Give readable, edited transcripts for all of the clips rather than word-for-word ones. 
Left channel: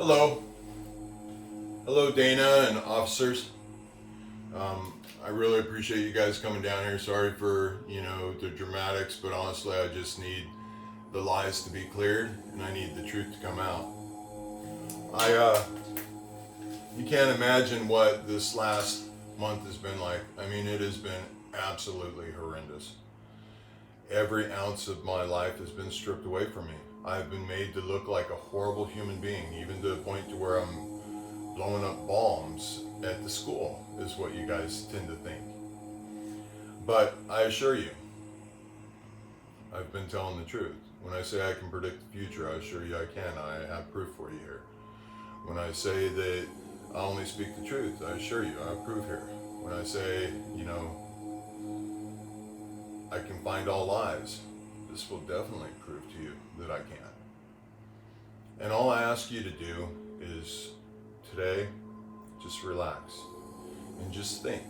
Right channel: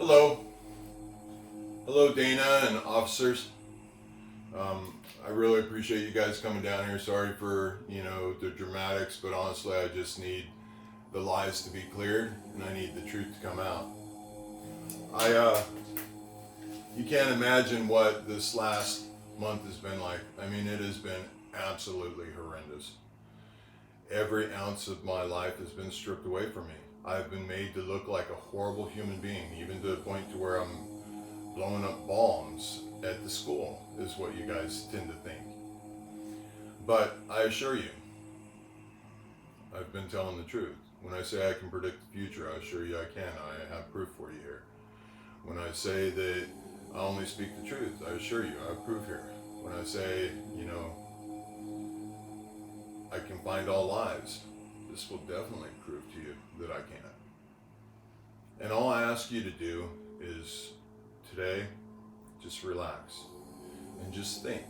Hello. Hello, Dana and officers. I really appreciate you guys coming down here. Sorry for, the dramatics, but honestly, I just need the lies to be cleared and I need the truth to come out. You can't imagine what this last month has been like. I mean, it has been absolutely horrendous. Every ounce of my life has been stripped away from me. I've been made to look like a horrible human being, even to the point to where I'm blowing up bombs at the school, is what you guys tend to think. But I assure you, I've been telling the truth. When I say I can predict the future, I assure you I can. I have proof for you here. When I say that I only speak the truth, I assure you I have proof here. When I say, I can find all lies, this will definitely prove to you that I can. And all I ask you to do is today, just relax and just think.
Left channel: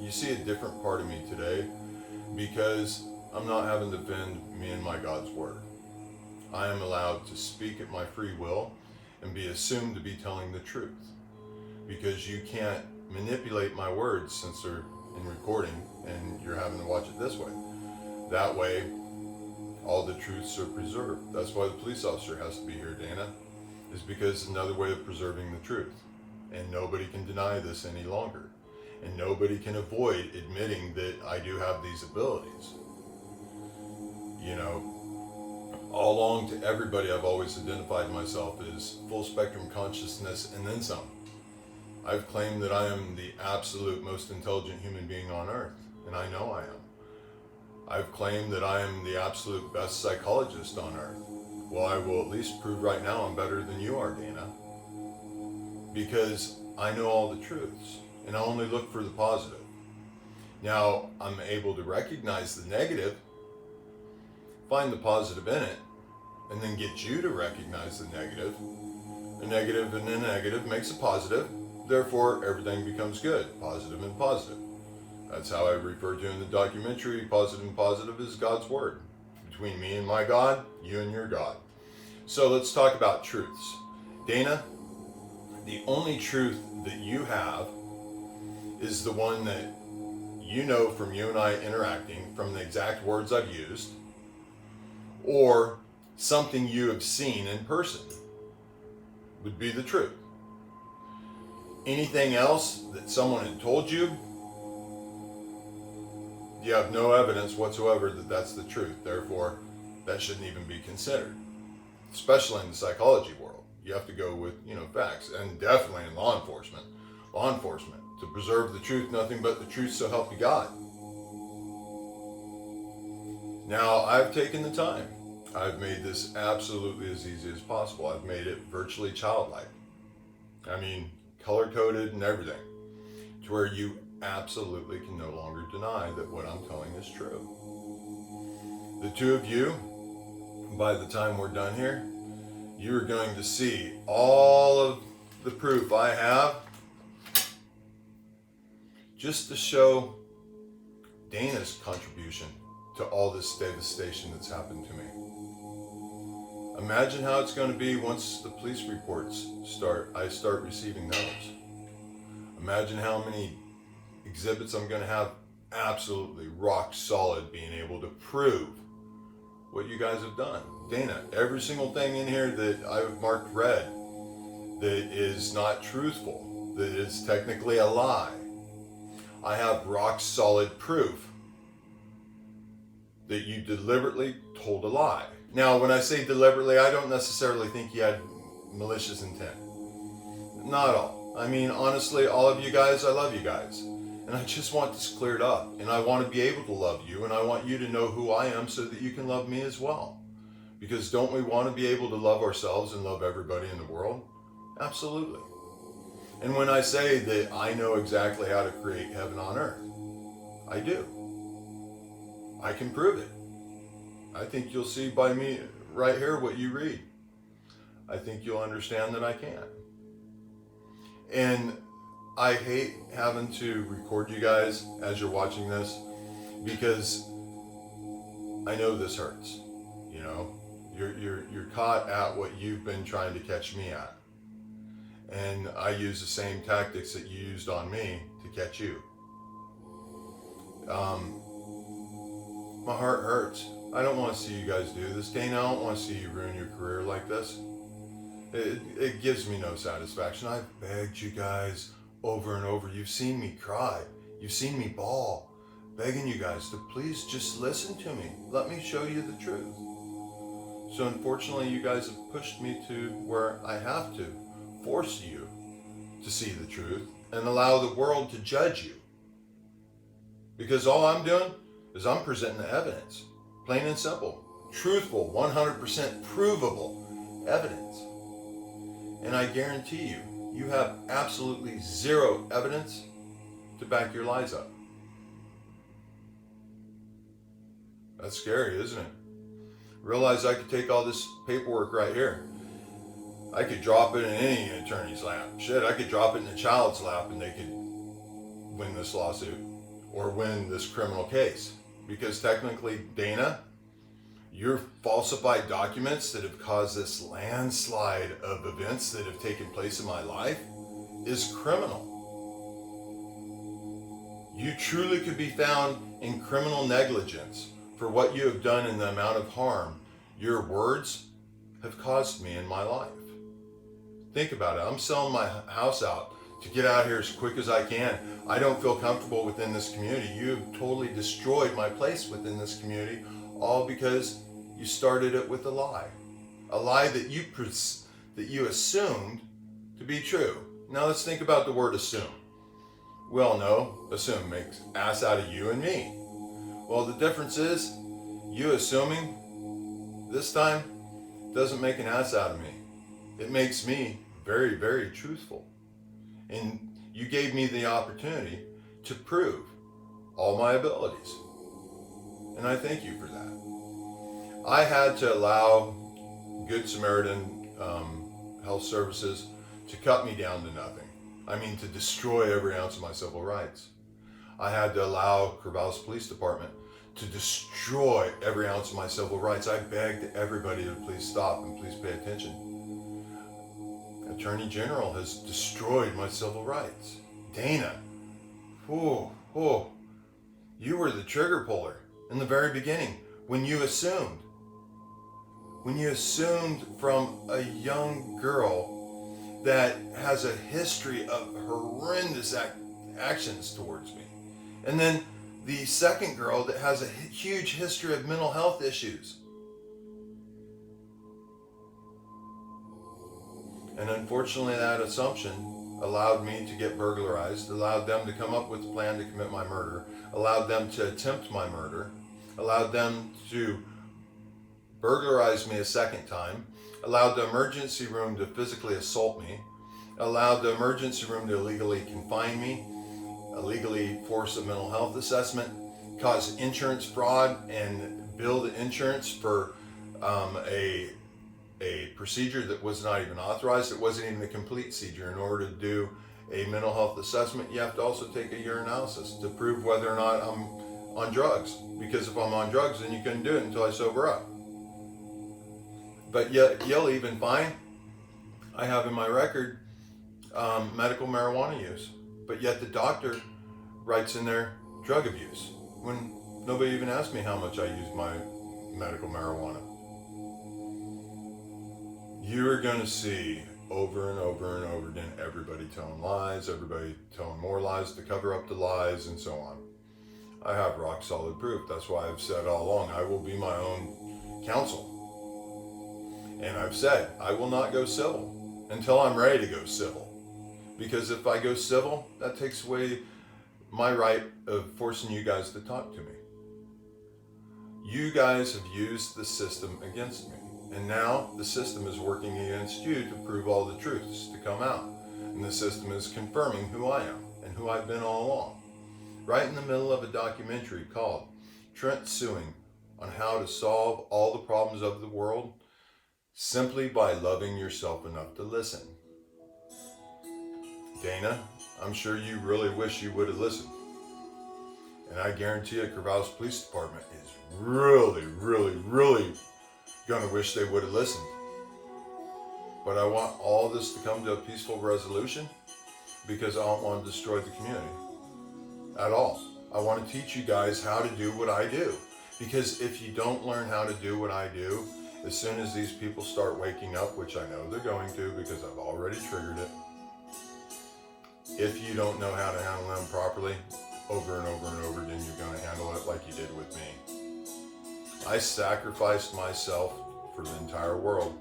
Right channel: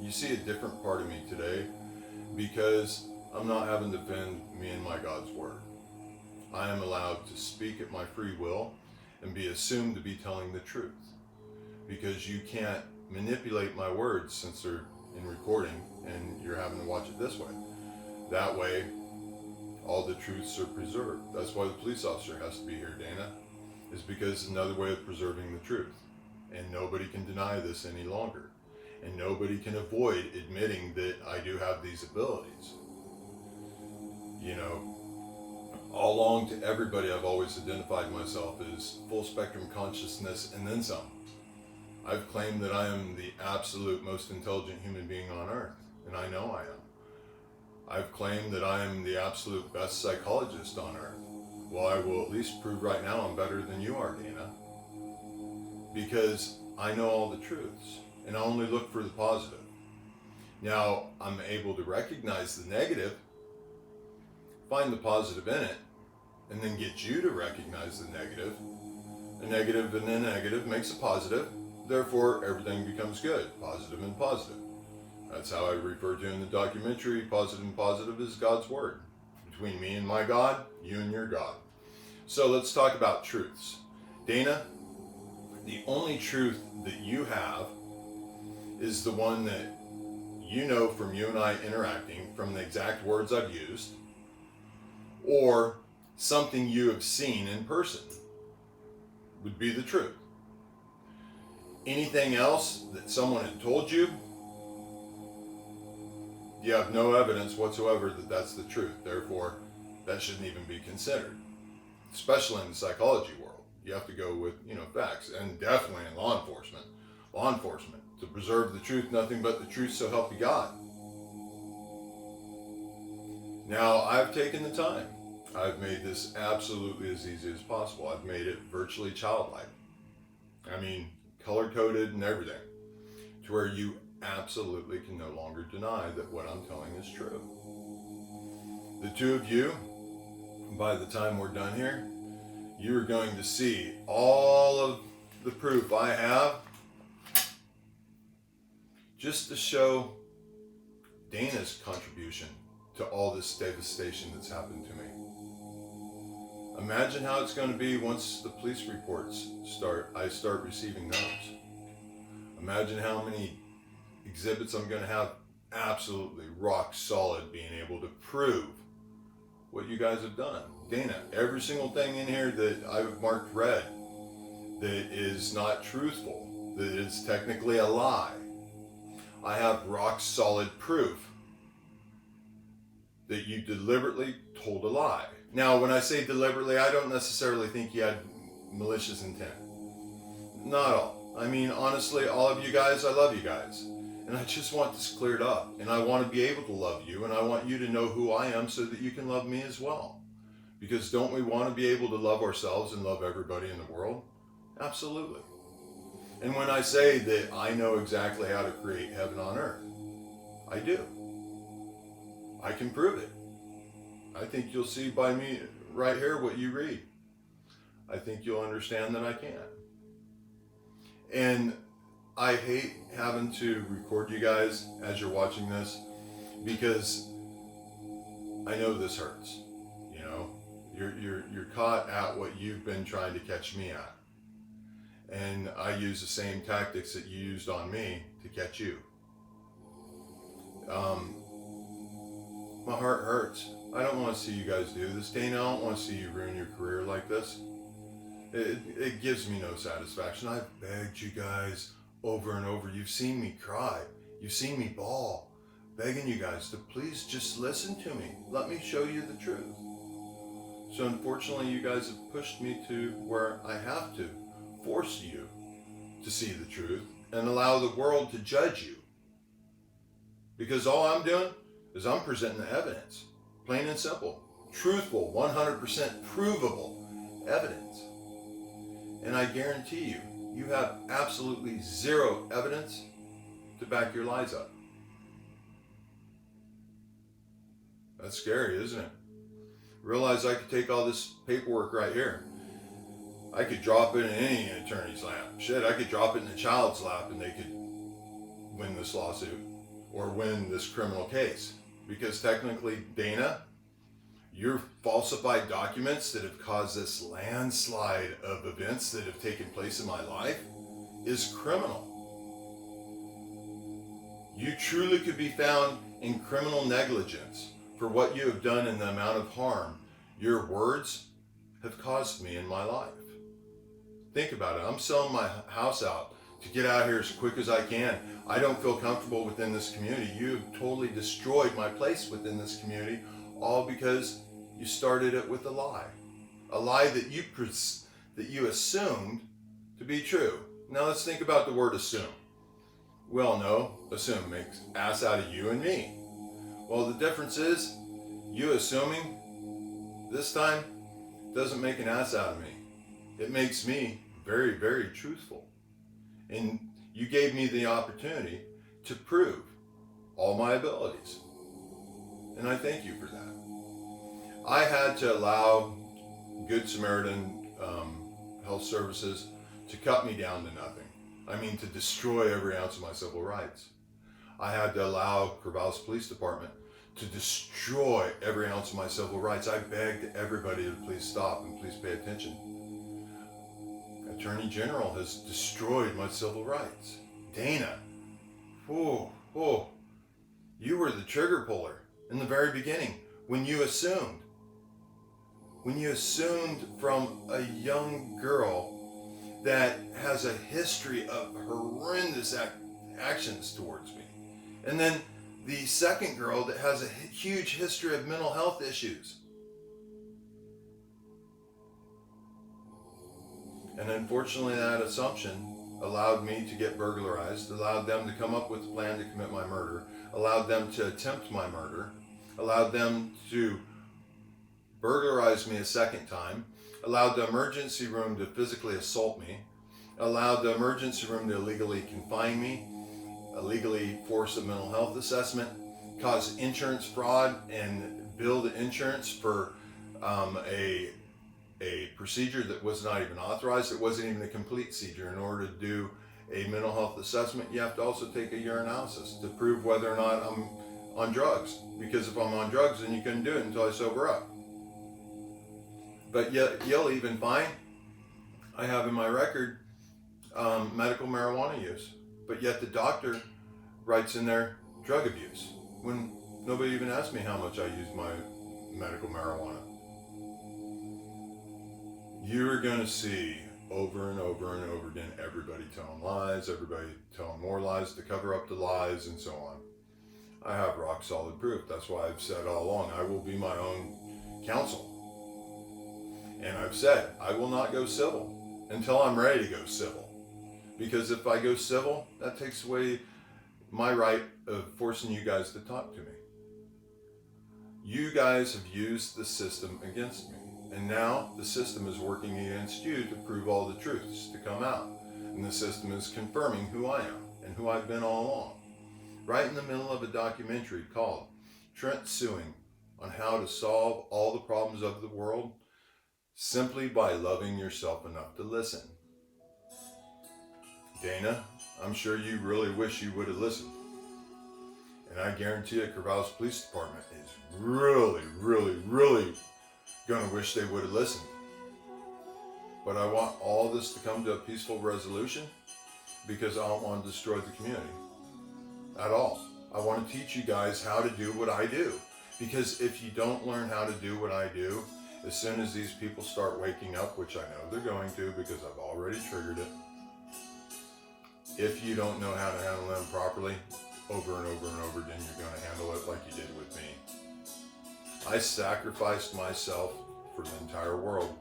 You see a different part of me today because I'm not having to bend me and my God's word. I am allowed to speak at my free will and be assumed to be telling the truth because you can't manipulate my words since they're in recording and you're having to watch it this way. That way, all the truths are preserved. That's why the police officer has to be here, Dana, is because it's another way of preserving the truth. And nobody can deny this any longer. And nobody can avoid admitting that I do have these abilities. All along to everybody, I've always identified myself as full spectrum consciousness and then some. I've claimed that I am the absolute most intelligent human being on earth, and I know I am. I've claimed that I am the absolute best psychologist on earth. Well, I will at least prove right now I'm better than you are, Dana. Because I know all the truths, and I only look for the positive. Now, I'm able to recognize the negative, find the positive in it, and then get you to recognize the negative. A negative and a negative makes a positive. Therefore, everything becomes good, positive and positive. That's how I refer to in the documentary, positive and positive is God's word. Between me and my God, you and your God. So let's talk about truths. Dana, the only truth that you have is the one that you know from you and I interacting, from the exact words I've used, or something you have seen in person would be the truth. Anything else that someone had told you, you have no evidence whatsoever that that's the truth. Therefore, that shouldn't even be considered, especially in the psychology world. You have to go with, facts, and definitely in law enforcement. Law enforcement, to preserve the truth, nothing but the truth, so help you God. Now, I've taken the time. I've made this absolutely as easy as possible. I've made it virtually childlike. I mean, color-coded and everything, to where you absolutely can no longer deny that what I'm telling is true. The two of you, by the time we're done here, you're going to see all of the proof I have just to show Dana's contribution to all this devastation that's happened to me. Imagine how it's going to be once the police reports I start receiving those. Imagine how many exhibits I'm going to have absolutely rock solid being able to prove what you guys have done. Dana, every single thing in here that I've marked red that is not truthful, that is technically a lie, I have rock solid proof that you deliberately told a lie. Now, when I say deliberately, I don't necessarily think you had malicious intent. Not at all. I mean, honestly, all of you guys, I love you guys. And I just want this cleared up. And I want to be able to love you. And I want you to know who I am so that you can love me as well. Because don't we want to be able to love ourselves and love everybody in the world? Absolutely. And when I say that I know exactly how to create heaven on earth, I do. I can prove it. I think you'll see by me right here what you read. I think you'll understand that I can. And I hate having to record you guys as you're watching this because I know this hurts. You're caught at what you've been trying to catch me at. And I use the same tactics that you used on me to catch you. My heart hurts. I don't want to see you guys do this. Dana, I don't want to see you ruin your career like this. It gives me no satisfaction. I've begged you guys over and over. You've seen me cry. You've seen me bawl, begging you guys to please just listen to me. Let me show you the truth. So unfortunately, you guys have pushed me to where I have to force you to see the truth and allow the world to judge you. Because all I'm doing is I'm presenting the evidence, plain and simple, truthful, 100% provable evidence. And I guarantee you, you have absolutely zero evidence to back your lies up. That's scary, isn't it? Realize I could take all this paperwork right here. I could drop it in any attorney's lap. Shit, I could drop it in a child's lap and they could win this lawsuit or win this criminal case. Because technically, Dana, your falsified documents that have caused this landslide of events that have taken place in my life is criminal. You truly could be found in criminal negligence for what you have done and the amount of harm your words have caused me in my life. Think about it. I'm selling my house out to get out here as quick as I can. I don't feel comfortable within this community. You have totally destroyed my place within this community, all because you started it with a lie that you assumed to be true. Now let's think about the word assume. We all know assume makes ass out of you and me. Well, the difference is you assuming this time doesn't make an ass out of me. It makes me very, very truthful. And you gave me the opportunity to prove all my abilities. And I thank you for that. I had to allow Good Samaritan Health Services to cut me down to nothing. I mean, to destroy every ounce of my civil rights. I had to allow Corvallis Police Department to destroy every ounce of my civil rights. I begged everybody to please stop and please pay attention. Attorney General has destroyed my civil rights. Dana, you were the trigger puller in the very beginning when you assumed from a young girl that has a history of horrendous actions towards me. And then the second girl that has a huge history of mental health issues. And unfortunately, that assumption allowed me to get burglarized, allowed them to come up with a plan to commit my murder, allowed them to attempt my murder, allowed them to burglarize me a second time, allowed the emergency room to physically assault me, allowed the emergency room to illegally confine me, illegally force a mental health assessment, cause insurance fraud, and bill the insurance for a procedure that was not even authorized. It wasn't even a complete procedure. In order to do a mental health assessment, you have to also take a urinalysis to prove whether or not I'm on drugs. Because if I'm on drugs, then you couldn't do it until I sober up. But yet, you'll even find I have in my record medical marijuana use. But yet the doctor writes in there drug abuse when nobody even asked me how much I used my medical marijuana. You are going to see over and over and over again everybody telling lies, everybody telling more lies to cover up the lies, and so on. I have rock solid proof. That's why I've said all along I will be my own counsel. And I've said I will not go civil until I'm ready to go civil. Because if I go civil, that takes away my right of forcing you guys to talk to me. You guys have used the system against me. And now the system is working against you to prove all the truths to come out. And the system is confirming who I am and who I've been all along. Right in the middle of a documentary called Trent Suing on how to solve all the problems of the world simply by loving yourself enough to listen. Dana, I'm sure you really wish you would have listened. And I guarantee you, Corvallis Police Department is really, really, really going to wish they would have listened. But I want all this to come to a peaceful resolution because I don't want to destroy the community at all. I want to teach you guys how to do what I do. Because if you don't learn how to do what I do, as soon as these people start waking up, which I know they're going to because I've already triggered it, if you don't know how to handle them properly, over and over and over again, you're going to handle it like you did with me. I sacrificed myself for the entire world.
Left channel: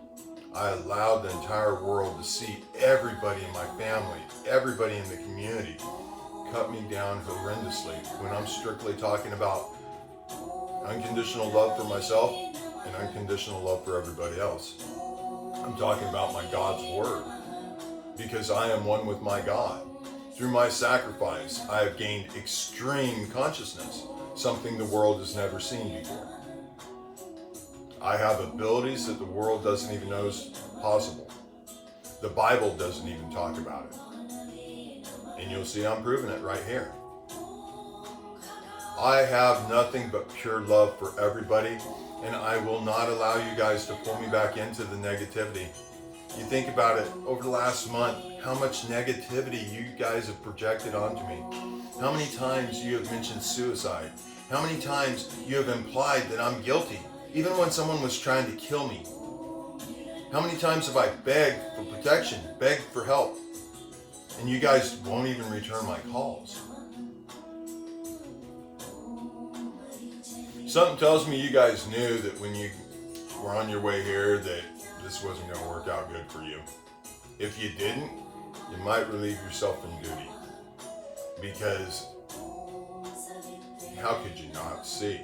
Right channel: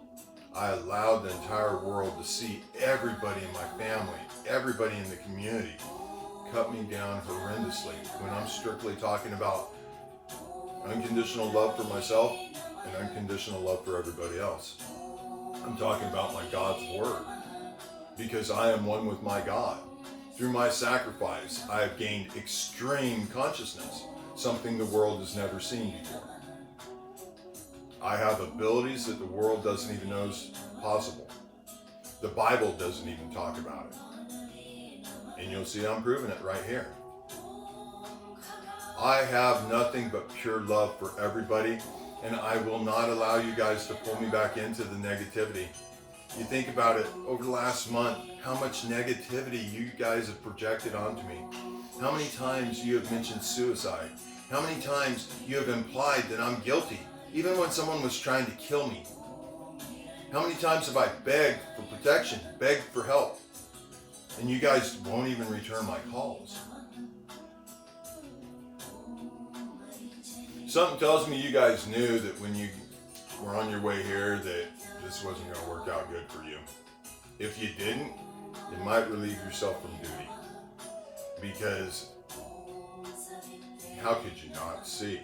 I allowed the entire world to see everybody in my family, everybody in the community, cut me down horrendously when I'm strictly talking about unconditional love for myself and unconditional love for everybody else. I'm talking about my God's word because I am one with my God. Through my sacrifice, I have gained extreme consciousness, something the world has never seen before. I have abilities that the world doesn't even know is possible. The Bible doesn't even talk about it. And you'll see I'm proving it right here. I have nothing but pure love for everybody, and I will not allow you guys to pull me back into the negativity. You think about it, over the last month, how much negativity you guys have projected onto me. How many times you have mentioned suicide. How many times you have implied that I'm guilty, even when someone was trying to kill me. How many times have I begged for protection, begged for help, and you guys won't even return my calls. Something tells me you guys knew that when you were on your way here that this wasn't going to work out good for you. If you didn't, you might relieve yourself from duty. Because how could you not see?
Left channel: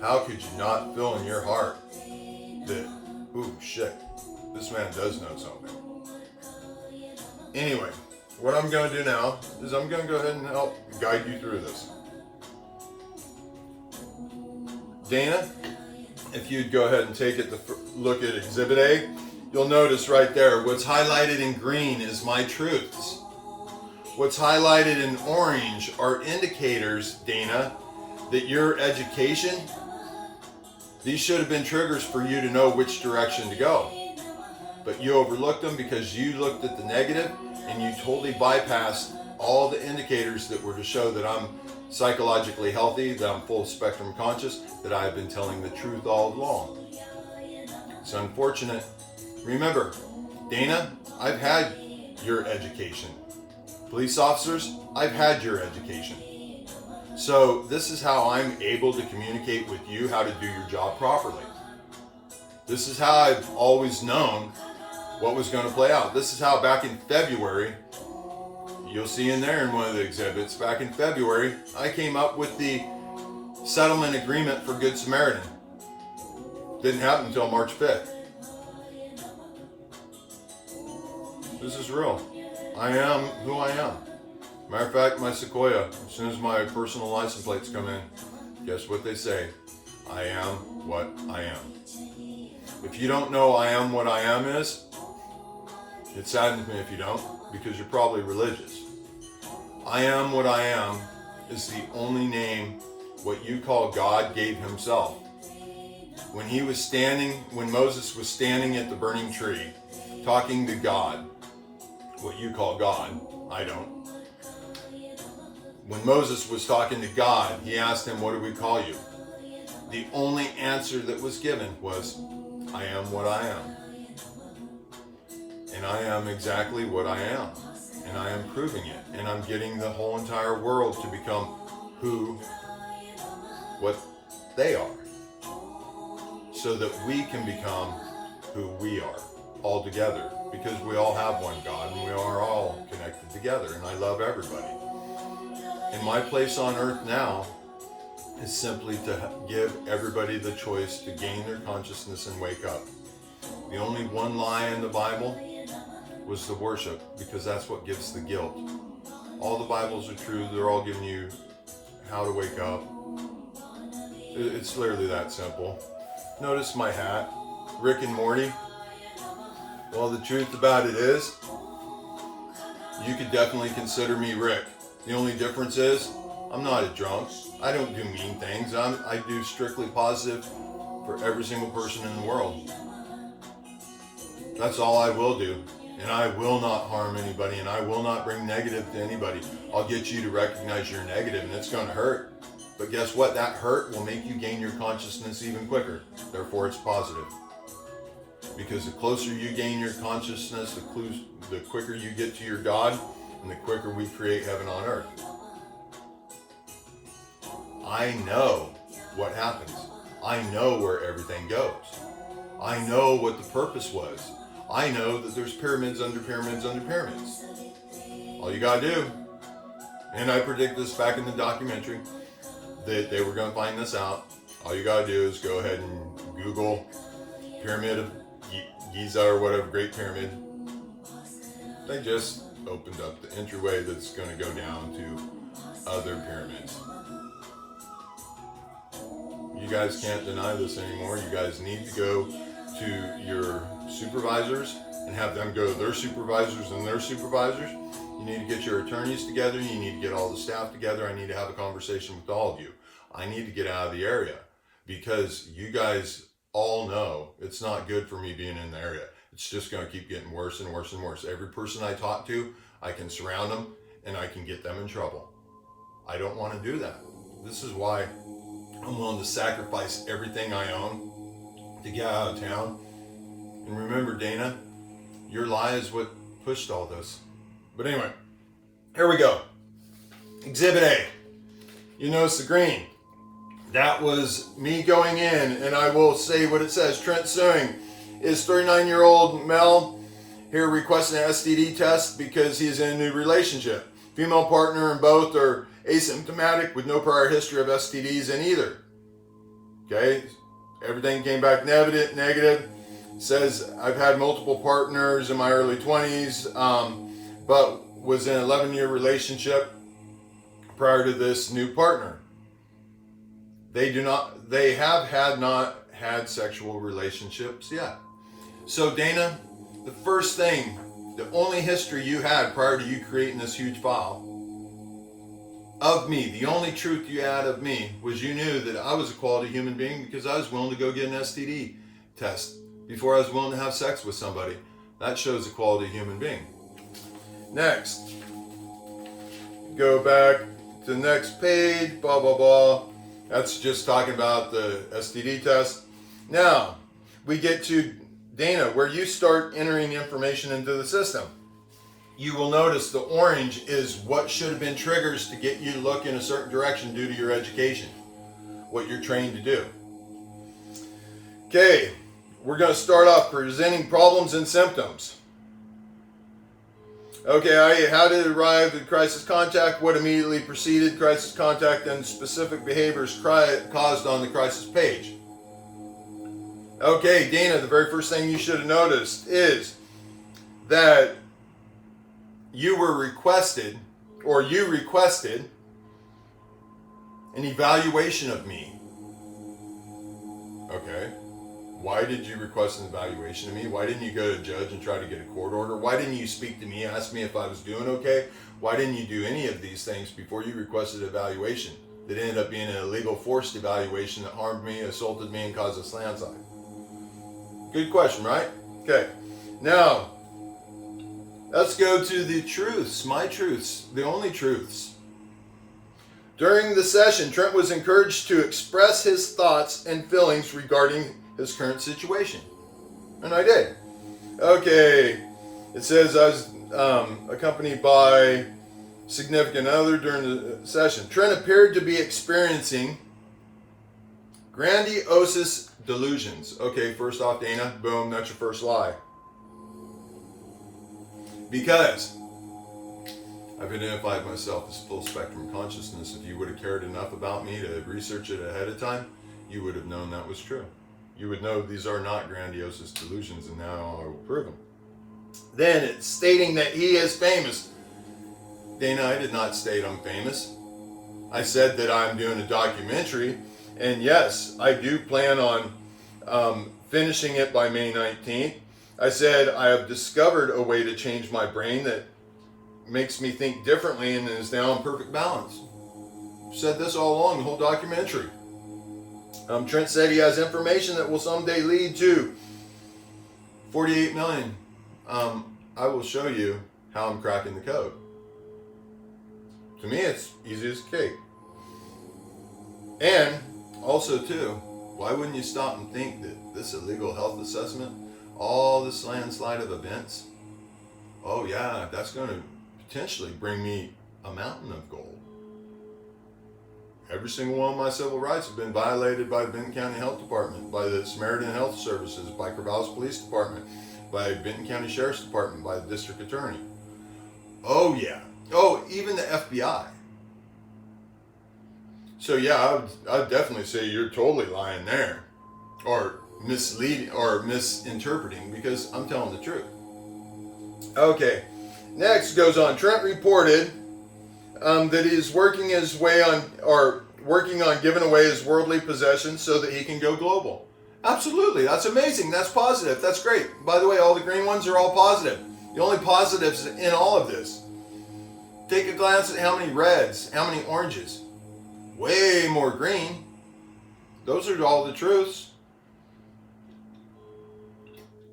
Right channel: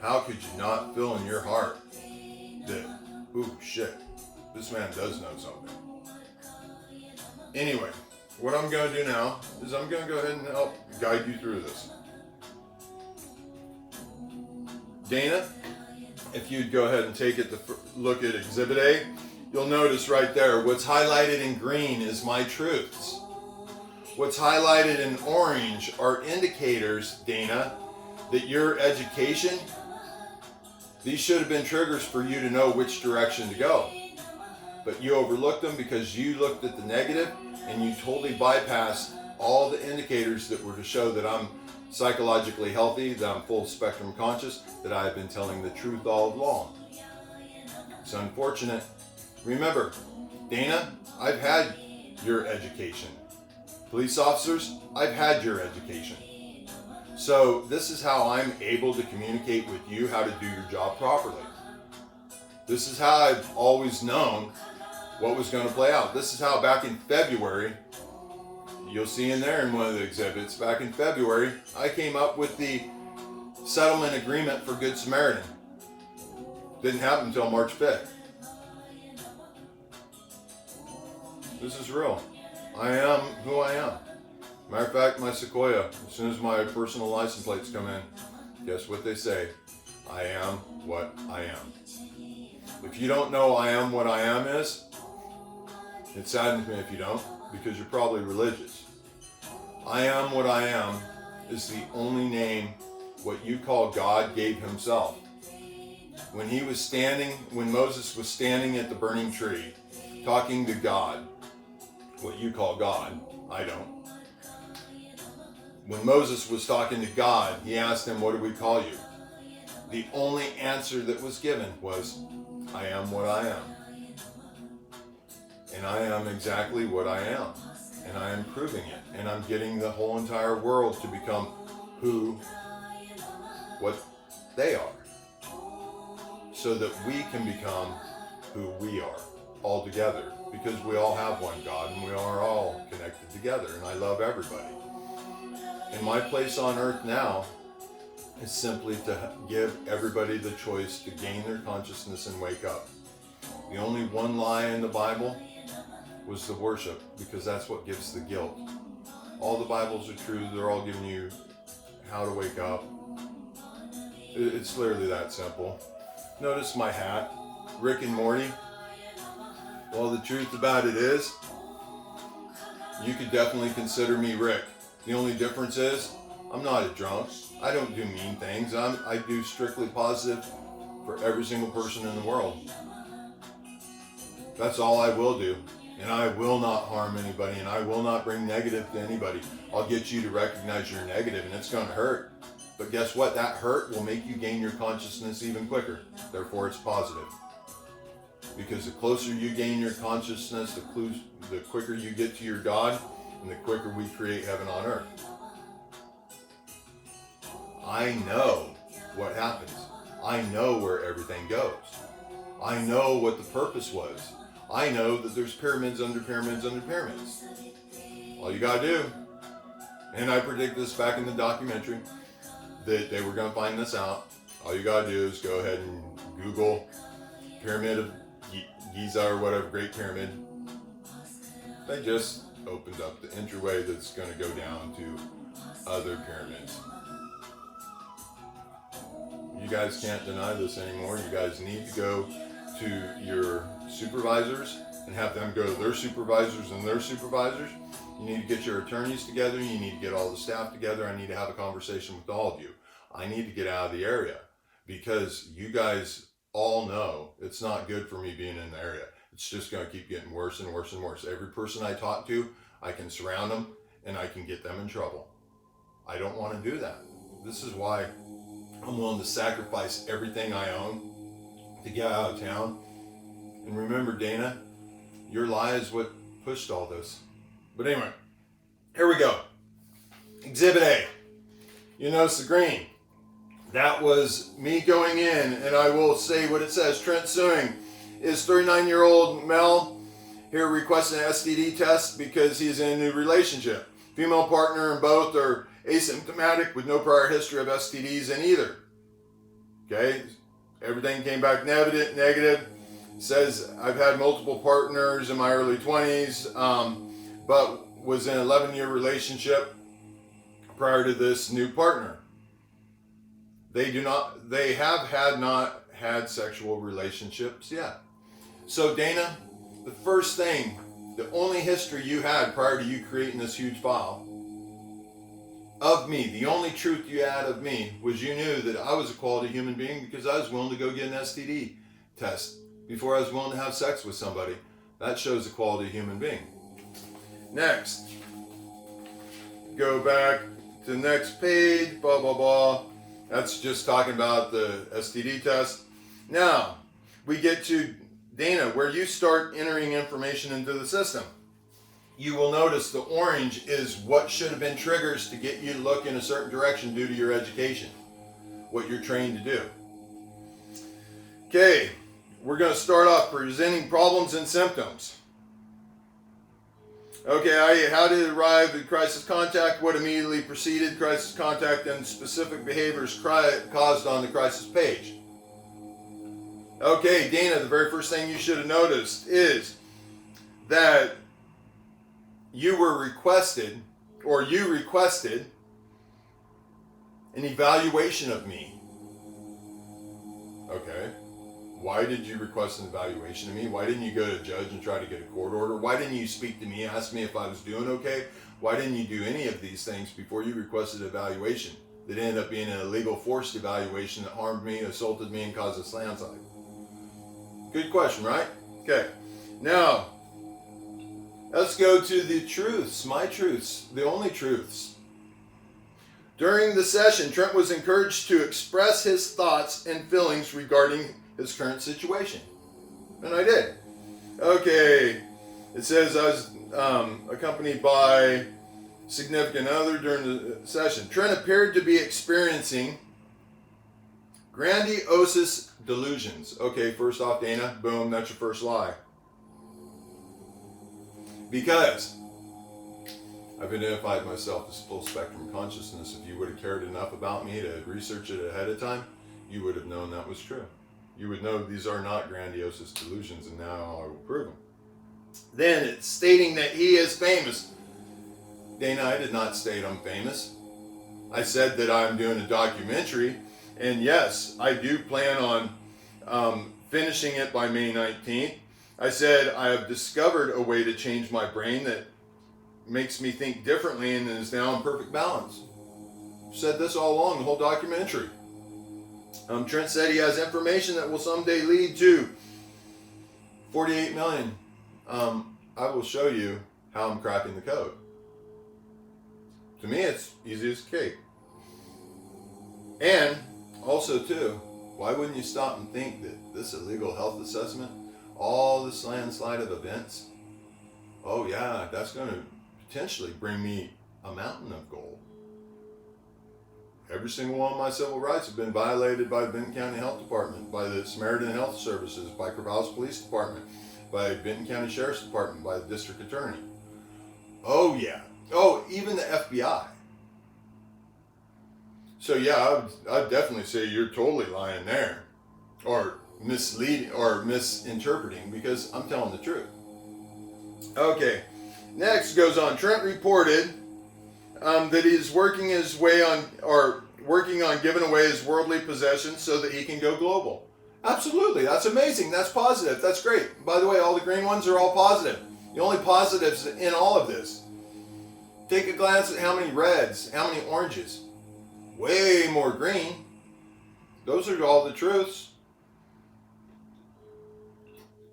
How could you not feel in your heart that, ooh, shit, this man does know something? Anyway, what I'm going to do now is I'm going to go ahead and help guide you through this. Dana, if you'd go ahead and take it to look at Exhibit A, you'll notice right there, what's highlighted in green is my truths. What's highlighted in orange are indicators, Dana, that your education, these should have been triggers for you to know which direction to go. But you overlooked them because you looked at the negative and you totally bypassed all the indicators that were to show that I'm psychologically healthy, that I'm full spectrum conscious, that I've been telling the truth all along. It's unfortunate. Remember, Dana, I've had your education. Police officers, I've had your education. So this is how I'm able to communicate with you how to do your job properly. This is how I've always known what was going to play out. This is how back in February, you'll see in there in one of the exhibits, back in February, I came up with the settlement agreement for Good Samaritan. Didn't happen until March 5th. This is real. I am who I am. Matter of fact, my Sequoia, as soon as my personal license plates come in, guess what they say? I am what I am. If you don't know I am what I am is, it saddens me if you don't, because you're probably religious. I am what I am is the only name what you call God gave himself. When Moses was standing at the burning tree, talking to God, what you call God, I don't. When Moses was talking to God, he asked him, what do we call you? The only answer that was given was, I am what I am. And I am exactly what I am. And I am proving it. And I'm getting the whole entire world to become what they are. So that we can become who we are all together. Because we all have one God and we are all connected together. And I love everybody. And my place on earth now is simply to give everybody the choice to gain their consciousness and wake up. The only one lie in the Bible was the worship, because that's what gives the guilt. All the Bibles are true. They're all giving you how to wake up. It's literally that simple. Notice my hat, Rick and Morty. Well, the truth about it is, you could definitely consider me Rick. The only difference is, I'm not a drunk. I don't do mean things. I do strictly positive for every single person in the world. That's all I will do. And I will not harm anybody, and I will not bring negative to anybody. I'll get you to recognize you're negative, and it's going to hurt. But guess what? That hurt will make you gain your consciousness even quicker. Therefore, it's positive. Because the closer you gain your consciousness, the quicker you get to your God, and the quicker we create heaven on earth. I know what happens. I know where everything goes. I know what the purpose was. I know that there's pyramids under pyramids under pyramids. All you gotta do, and I predict this back in the documentary, that they were gonna find this out. All you gotta do is go ahead and Google Pyramid of Giza or whatever, Great Pyramid. They just opened up the entryway that's gonna go down to other pyramids. You guys can't deny this anymore. You guys need to go to your supervisors and have them go to their supervisors and their supervisors. You need to get your attorneys together. You need to get all the staff together. I need to have a conversation with all of you. I need to get out of the area because you guys all know it's not good for me being in the area. It's just going to keep getting worse and worse and worse. Every person I talk to, I can surround them and I can get them in trouble. I don't want to do that. This is why I'm willing to sacrifice everything I own to get out of town. And remember, Dana, your lie is what pushed all this. But anyway, here we go. Exhibit A. You notice the green. That was me going in, and I will say what it says. Trent Suing is 39-year-old male here requesting an STD test because he is in a new relationship. Female partner and both are asymptomatic with no prior history of STDs in either. Okay, everything came back negative. Says I've had multiple partners in my early 20s, but was in an 11-year relationship prior to this new partner. They have not had sexual relationships yet. So Dana, the first thing, the only history you had prior to you creating this huge file of me, the only truth you had of me was you knew that I was a quality human being because I was willing to go get an STD test before I was willing to have sex with somebody. That shows a quality human being. Next, go back to the next page, blah, blah, blah. That's just talking about the STD test. Now, we get to Dana, where you start entering information into the system. You will notice the orange is what should have been triggers to get you to look in a certain direction due to your education, what you're trained to do. Okay, we're going to start off presenting problems and symptoms. Okay, how did it arrive at crisis contact? What immediately preceded crisis contact and specific behaviors caused on the crisis page? Okay, Dana, the very first thing you should have noticed is that you requested an evaluation of me. Okay. Why did you request an evaluation of me? Why didn't you go to a judge and try to get a court order? Why didn't you speak to me, ask me if I was doing okay? Why didn't you do any of these things before you requested an evaluation that ended up being an illegal forced evaluation that harmed me, assaulted me, and caused a landslide? Good question, right? Okay. Now, let's go to the truths, my truths, the only truths. During the session, Trent was encouraged to express his thoughts and feelings regarding his current situation. And I did. Okay. It says I was accompanied by significant other during the session. Trent appeared to be experiencing grandiose delusions. Okay, first off, Dana, boom, that's your first lie. Because I've identified myself as full spectrum consciousness. If you would have cared enough about me to research it ahead of time, you would have known that was true. You would know these are not grandiose delusions, and now I will prove them. Then it's stating that he is famous. Dana, I did not state I'm famous. I said that I'm doing a documentary, and yes, I do plan on finishing it by May 19th. I said I have discovered a way to change my brain that makes me think differently and is now in perfect balance. I've said this all along, the whole documentary. Trent said he has information that will someday lead to 48 million. I will show you how I'm cracking the code. To me, it's easy as cake. And also, too, why wouldn't you stop and think that this illegal health assessment, all this landslide of events, oh yeah, that's going to potentially bring me a mountain of gold. Every single one of my civil rights have been violated by the Benton County Health Department, by the Samaritan Health Services, by Corvallis Police Department, by Benton County Sheriff's Department, by the District Attorney. Oh yeah. Oh, even the FBI. So yeah, I would definitely say you're totally lying there, or misleading, or misinterpreting, because I'm telling the truth. Okay, next goes on. Trent reported that he's working on giving away his worldly possessions so that he can go global. Absolutely, that's amazing. That's positive. That's great. By the way, all the green ones are all positive. The only positives in all of this. Take a glance at how many reds, how many oranges. Way more green. Those are all the truths.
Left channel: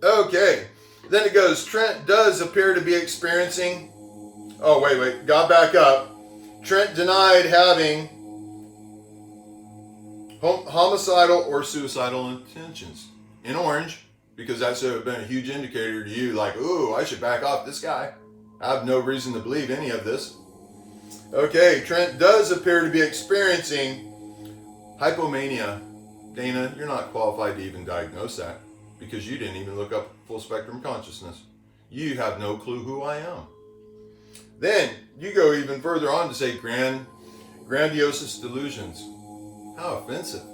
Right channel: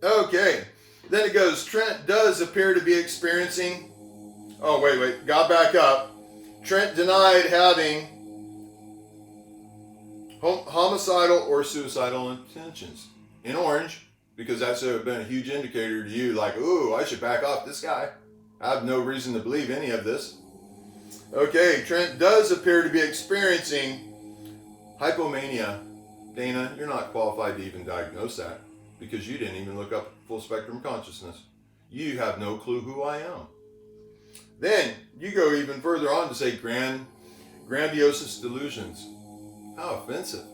Okay. Then it goes, Trent does appear to be experiencing... Oh, wait. Got back up. Trent denied having homicidal or suicidal intentions. In orange, because that's been a huge indicator to you, like, ooh, I should back off this guy. I have no reason to believe any of this. Okay, Trent does appear to be experiencing hypomania. Dana, you're not qualified to even diagnose that because you didn't even look up full spectrum consciousness. You have no clue who I am. Then you go even further on to say grandiose delusions. How offensive.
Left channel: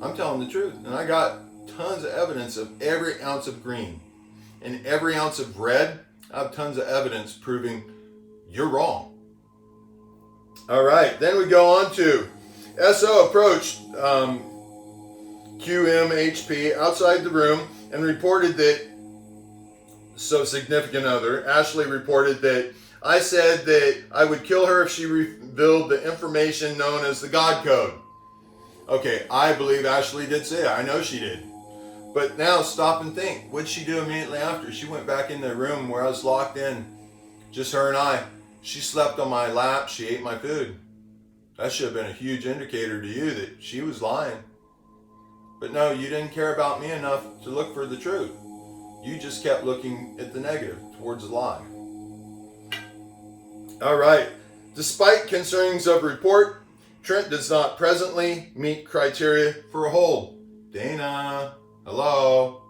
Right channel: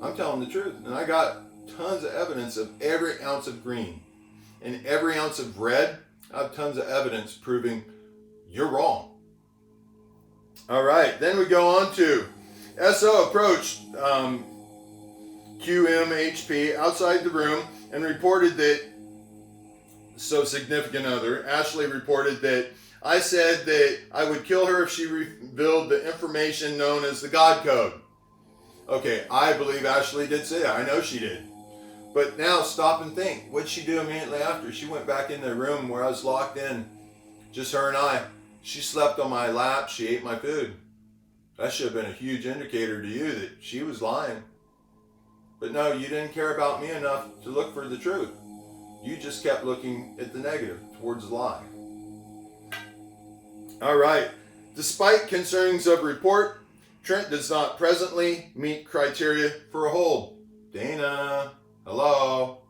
I'm telling the truth. And I got tons of evidence of every ounce of green and every ounce of red. I have tons of evidence proving you're wrong. All right, then we go on to SO approached QMHP outside the room and reported that, so significant other, Ashley reported that I said that I would kill her if she revealed the information known as the God Code. Okay, I believe Ashley did say that. I know she did. But now stop and think. What did she do immediately after? She went back in the room where I was locked in. Just her and I. She slept on my lap. She ate my food. That should have been a huge indicator to you that she was lying. But no, you didn't care about me enough to look for the truth. You just kept looking at the negative, towards the lie. All right. Despite concerns of report, Trent does not presently meet criteria for a hold. Dana, hello.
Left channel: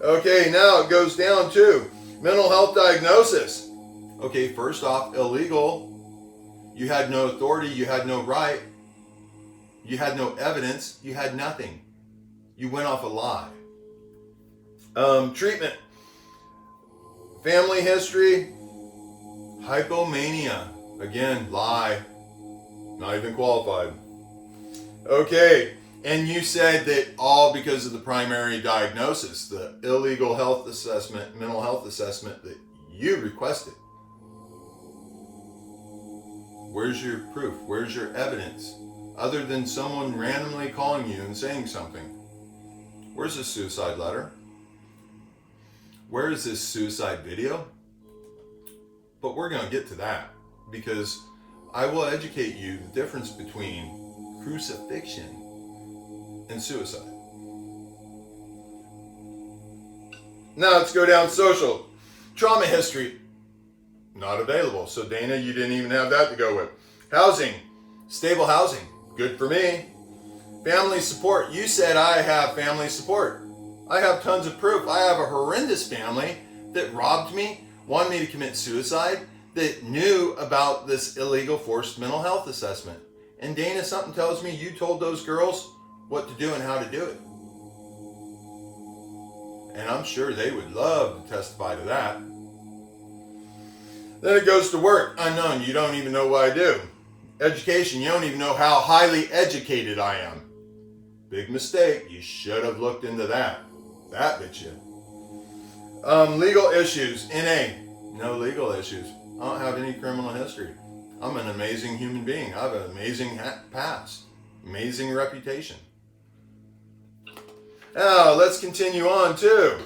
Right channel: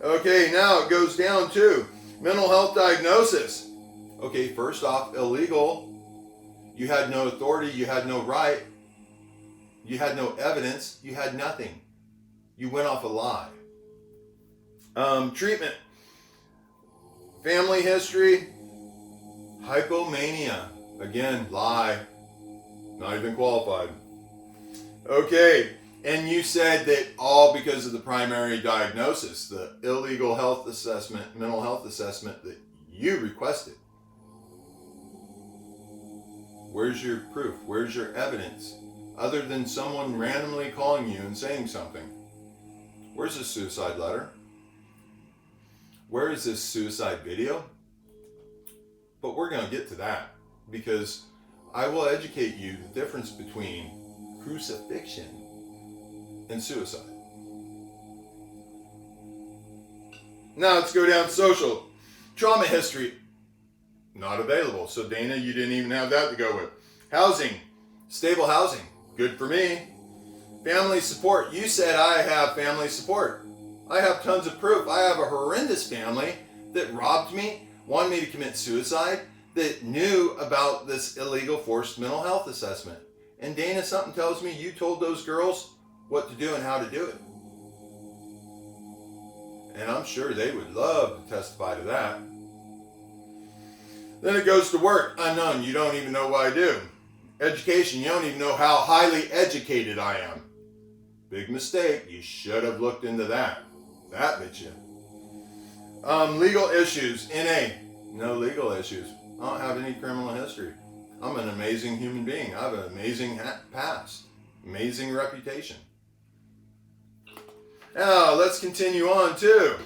Okay, now it goes down to mental health diagnosis. Okay, first off, illegal. You had no authority. You had no right. You had no evidence. You had nothing. You went off a lie. Treatment. Family history. Hypomania. Again, lie. Not even qualified. Okay, and you said that all because of the primary diagnosis, the illegal health assessment, mental health assessment that you requested. Where's your proof? Where's your evidence? Other than someone randomly calling you and saying something. Where's this suicide letter? Where is this suicide video? But we're going to get to that because I will educate you the difference between crucifixion and suicide. Now let's go down social. Trauma history. Not available. So Dana, you didn't even have that to go with. Housing. Stable housing. Good for me. Family support. You said I have family support. I have tons of proof. I have a horrendous family that robbed me, wanted me to commit suicide, that knew about this illegal forced mental health assessment. And Dana, something tells me you told those girls what to do and how to do it. And I'm sure they would love to testify to that. Then it goes to work. Unknown. You don't even know what I do. Education. You don't even know how highly educated I am. Big mistake. You should have looked into that. That bit you. Legal issues. NA. No legal issues. I don't have any criminal history. I'm an amazing human being. I have an amazing past. Amazing reputation. Now, let's continue on too.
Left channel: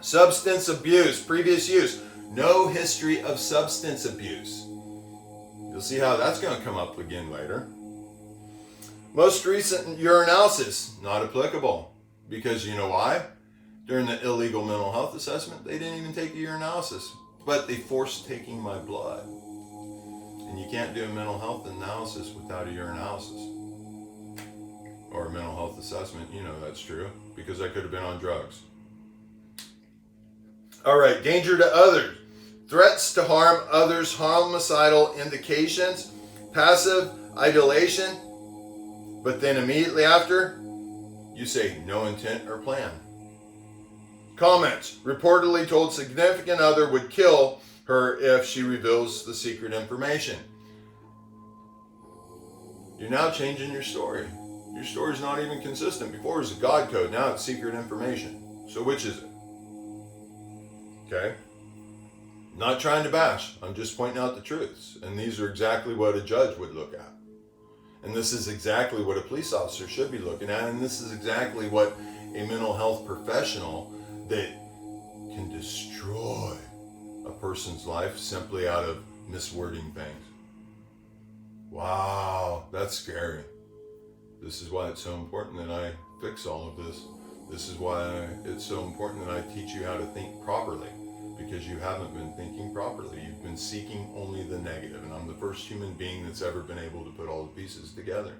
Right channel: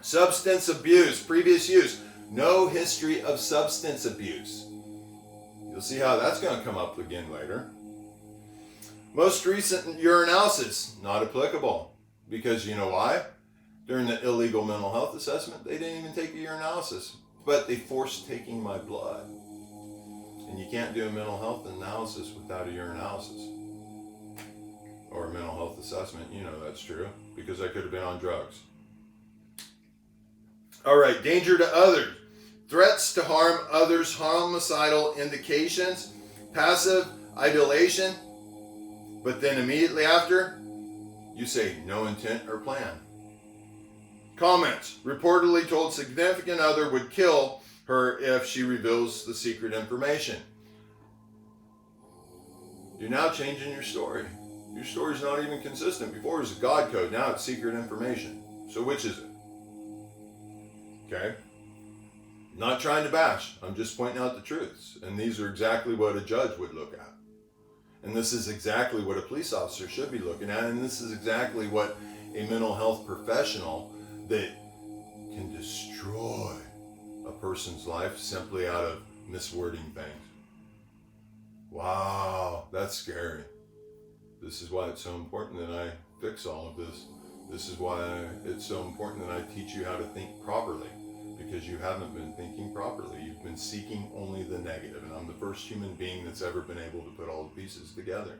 Substance abuse, previous use. No history of substance abuse. You'll see how that's going to come up again later. Most recent urinalysis, not applicable. Because you know why? During the illegal mental health assessment, they didn't even take a urinalysis, but they forced taking my blood. And you can't do a mental health analysis without a urinalysis. Or a mental health assessment, you know that's true, because I could have been on drugs. All right, danger to others. Threats to harm others, homicidal indications, passive idolation, but then immediately after, you say no intent or plan. Comments. Reportedly told significant other would kill her if she reveals the secret information. You're now changing your story. Your story's not even consistent. Before it was a God code, now it's secret information. So which is it? Okay? Not trying to bash. I'm just pointing out the truths. And these are exactly what a judge would look at. And this is exactly what a police officer should be looking at. And this is exactly what a mental health professional that can destroy a person's life simply out of miswording things. Wow, that's scary. This is why it's so important that I fix all of this. This is why it's so important that I teach you how to think properly, because you haven't been thinking properly. You've been seeking only the negative, and I'm the first human being that's ever been able to put all the pieces together.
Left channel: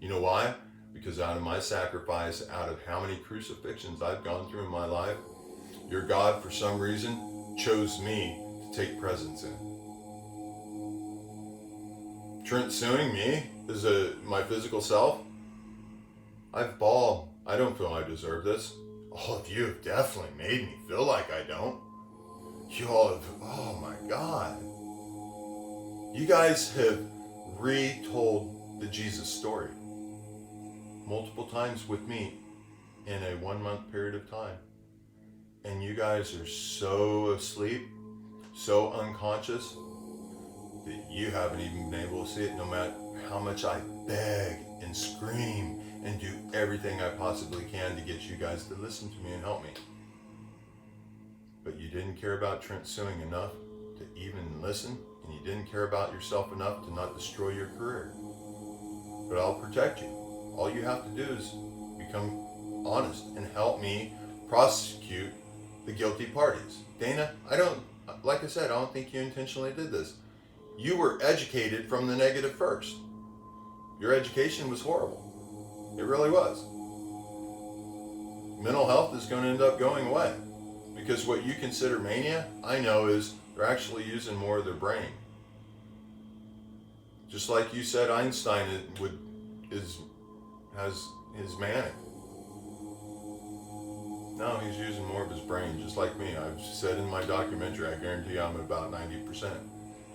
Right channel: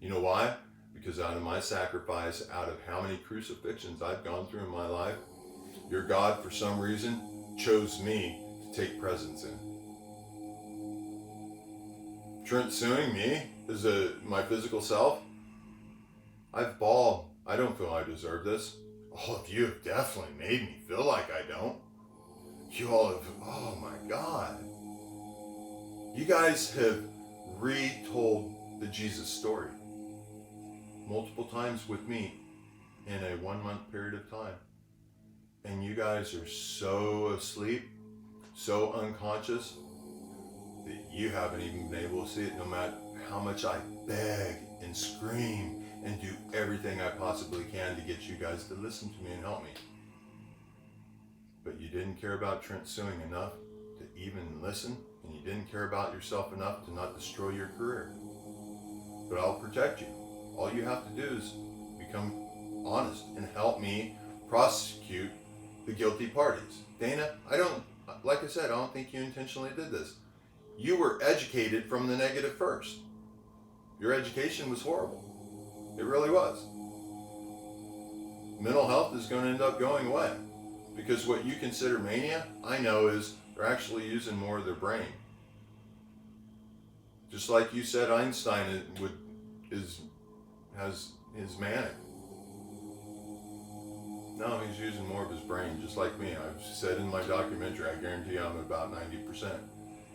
You know why? Because out of my sacrifice, out of how many crucifixions I've gone through in my life, your God, for some reason, chose me to take presence in. Trent Suing me as my physical self, I've bawled. I don't feel I deserve this. All of you have definitely made me feel like I don't. You all have, oh my God. You guys have retold the Jesus story multiple times with me in a 1 month period of time. And you guys are so asleep, so unconscious, that you haven't even been able to see it, no matter how much I beg and scream and do everything I possibly can to get you guys to listen to me and help me. But you didn't care about Trent Suing enough to even listen, and you didn't care about yourself enough to not destroy your career. But I'll protect you. All you have to do is become honest and help me prosecute the guilty parties. Dana, like I said, I don't think you intentionally did this. You were educated from the negative first. Your education was horrible. It really was. Mental health is going to end up going away. Because what you consider mania, I know, is they're actually using more of their brain. Just like you said, Einstein has his manic. No, he's using more of his brain, just like me. I've said in my documentary, I guarantee I'm at about 90%.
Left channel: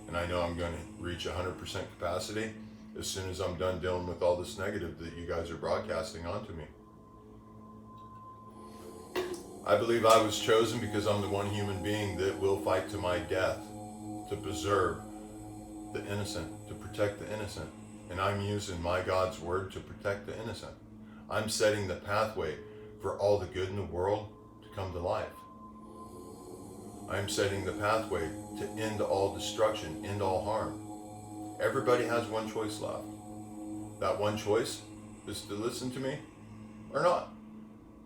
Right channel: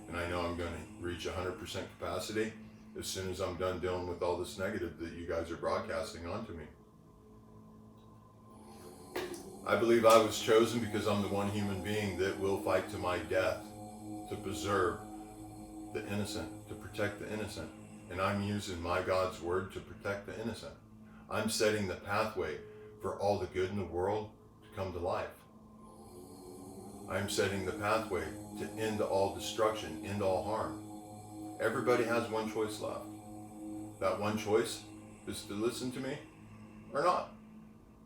And I know I'm going to reach 100% capacity as soon as I'm done dealing with all this negative that you guys are broadcasting onto me. I believe I was chosen because I'm the one human being that will fight to my death to preserve the innocent, to protect the innocent. And I'm using my God's word to protect the innocent. I'm setting the pathway for all the good in the world to come to life. I'm setting the pathway to end all destruction, end all harm. Everybody has one choice left. That one choice is to listen to me or not.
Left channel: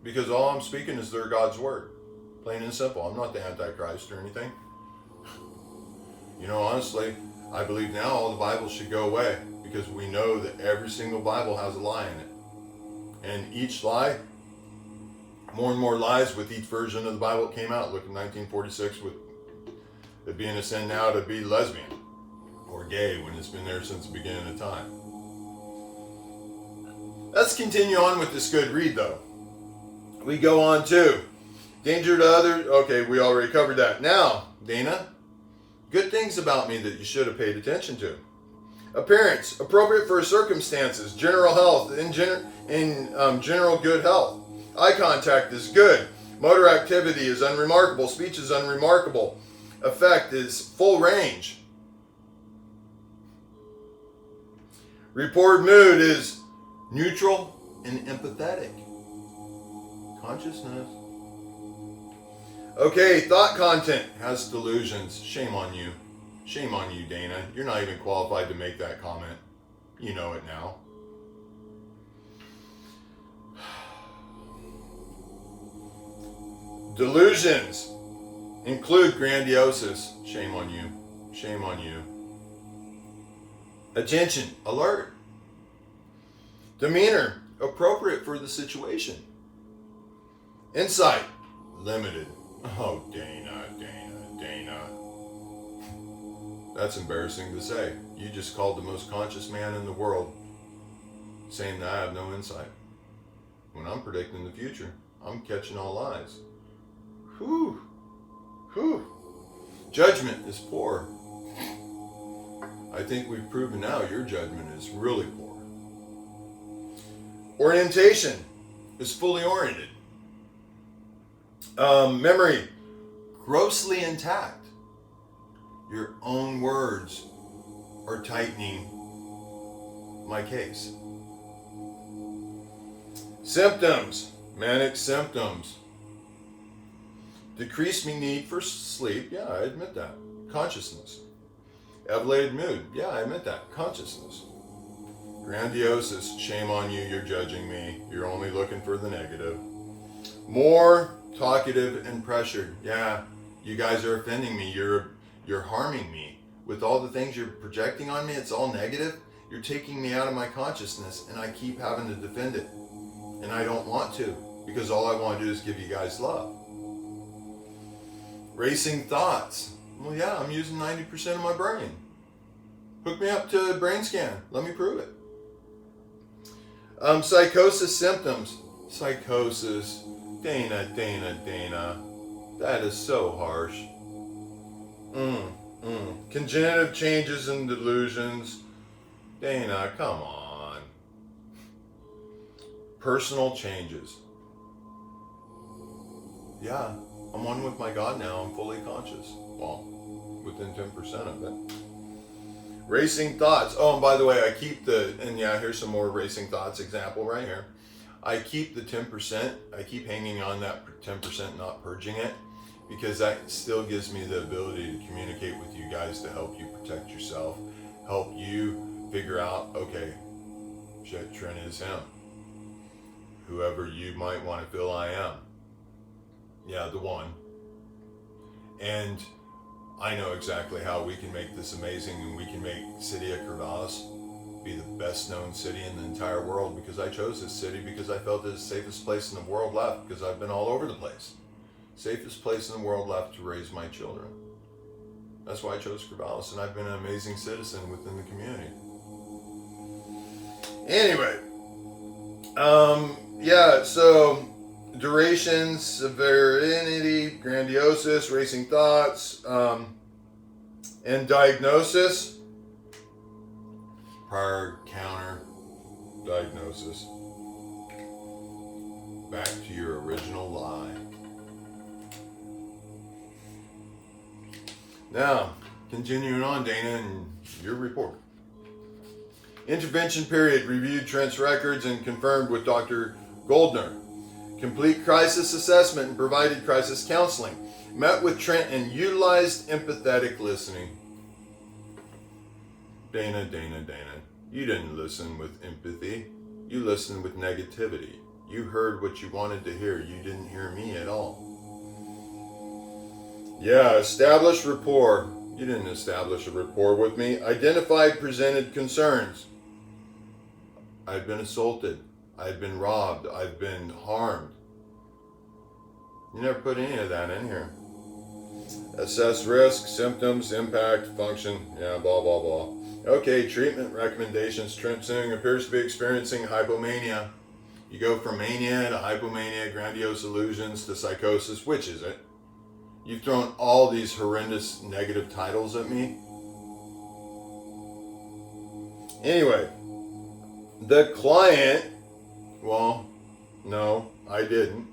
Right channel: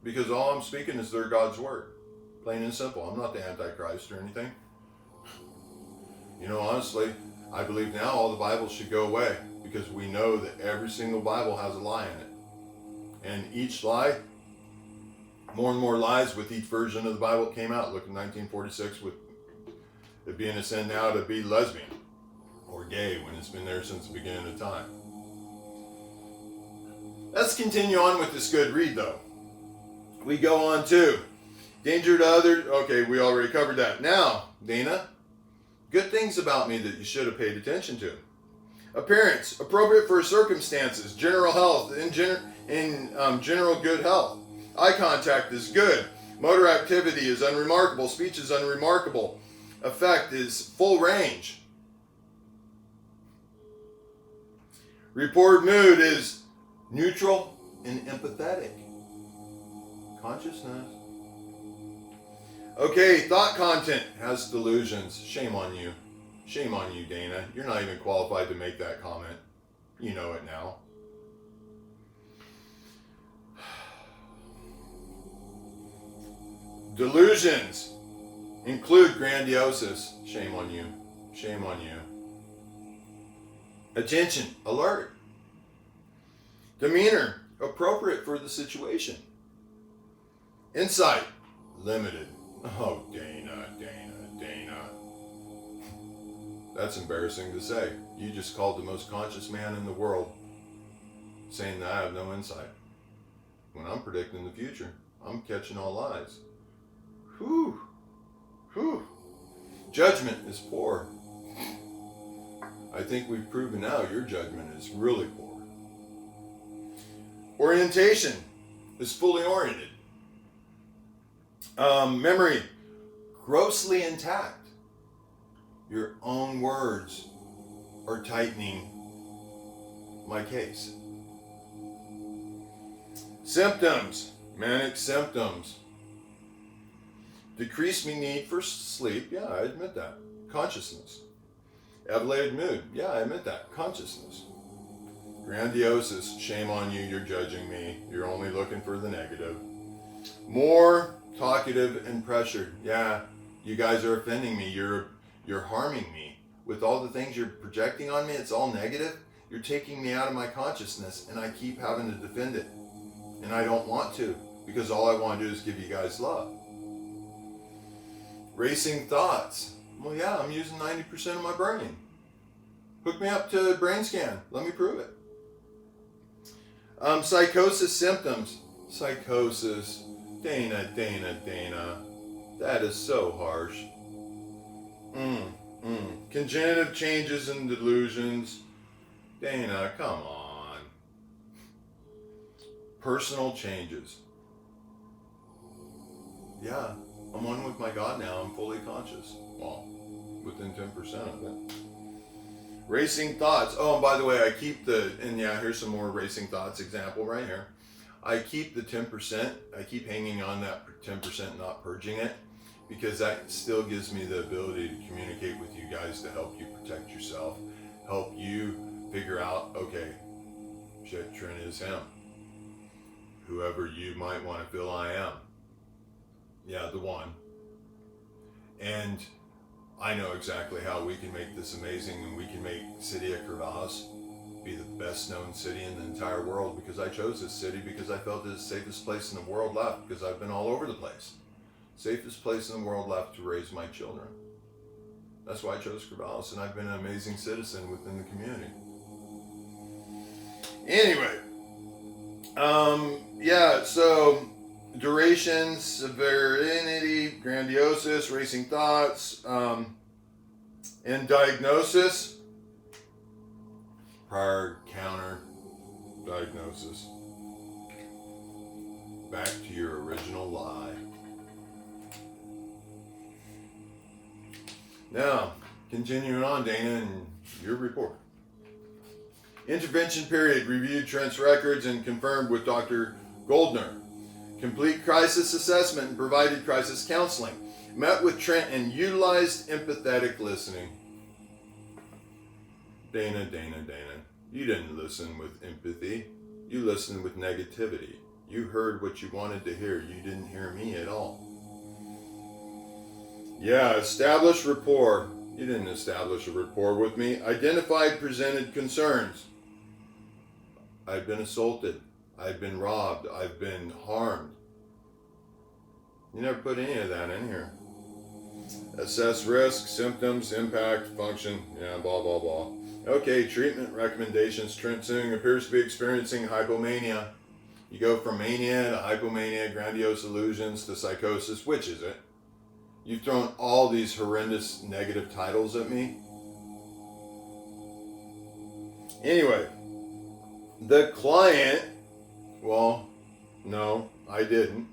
Because all I'm speaking is their God's word. Plain and simple. I'm not the Antichrist or anything. You know, honestly, I believe now all the Bibles should go away, because we know that every single Bible has a lie in it. And each lie, more and more lies with each version of the Bible that came out. Look at 1946 with it being a sin now to be lesbian or gay when it's been there since the beginning of time. Let's continue on with this good read though. We go on to danger to others. Okay, we already covered that. Now, Dana, good things about me that you should have paid attention to. Appearance, appropriate for circumstances. General health, in general good health. Eye contact is good. Motor activity is unremarkable. Speech is unremarkable. Effect is full range. Reported mood is neutral and empathetic. Consciousness. Okay, thought content has delusions. Shame on you. Shame on you, Dana. You're not even qualified to make that comment. You know it now. Delusions include grandiosis. Shame on you. Shame on you. Attention, alert. Demeanor, appropriate for the situation. Insight, limited. Oh, Dana. That's embarrassing to say. You just called the most conscious man in the world saying that I have no insight. When I'm predicting the future, I'm catching all lies. Whew. Judgment is poor. I think we've proven now your judgment is really poor. Orientation is fully oriented. Memory, grossly intact. Your own words are tightening my case. Symptoms, manic symptoms. Decreased me need for sleep, yeah, I admit that. Consciousness. Elevated mood, yeah, I admit that. Consciousness. Grandiosis, shame on you, you're judging me. You're only looking for the negative. More talkative and pressured, yeah, you guys are offending me. You're harming me. With all the things you're projecting on me, it's all negative. You're taking me out of my consciousness, and I keep having to defend it. And I don't want to, because all I want to do is give you guys love. Racing thoughts. Well, yeah, I'm using 90% of my brain. Hook me up to a brain scan. Let me prove it. Psychosis symptoms. Psychosis. Dana. That is so harsh. Congenitive changes and delusions. Dana, come on. Personal changes. Yeah, I'm one with my God now. I'm fully conscious. Well, within 10% of it. Racing thoughts. Oh, and by the way, I keep here's some more racing thoughts example right here. I keep the 10%. I keep hanging on that 10%, not purging it, because that still gives me the ability to communicate with you guys to help you protect yourself, help you figure out, okay, shit, Trent is him. Whoever you might want to feel I am. Yeah, the one. And I know exactly how we can make this amazing, and we can make City of Corvallis be the best known city in the entire world, because I chose this city because I felt it's the safest place in the world left, because I've been all over the place. Safest place in the world left to raise my children. That's why I chose Corvallis, and I've been an amazing citizen within the community. Anyway, so duration, severity, grandiosis, racing thoughts, and diagnosis, prior counter diagnosis. Back to your original lie. Now, continuing on, Dana, and your report. Intervention period. Reviewed Trent's records and confirmed with Dr. Goldner. Complete crisis assessment and provided crisis counseling. Met with Trent and utilized empathetic listening. Dana. You didn't listen with empathy. You listened with negativity. You heard what you wanted to hear. You didn't hear me at all. Yeah, establish rapport. You didn't establish a rapport with me. Identified presented concerns. I've been assaulted. I've been robbed. I've been harmed. You never put any of that in here. Assess risk, symptoms, impact, function, yeah, blah, blah, blah. Okay, treatment recommendations. Trent Suing appears to be experiencing hypomania. You go from mania to hypomania, grandiose illusions to psychosis. Which is it? You've thrown all these horrendous negative titles at me. Anyway, the client, well, no, I didn't.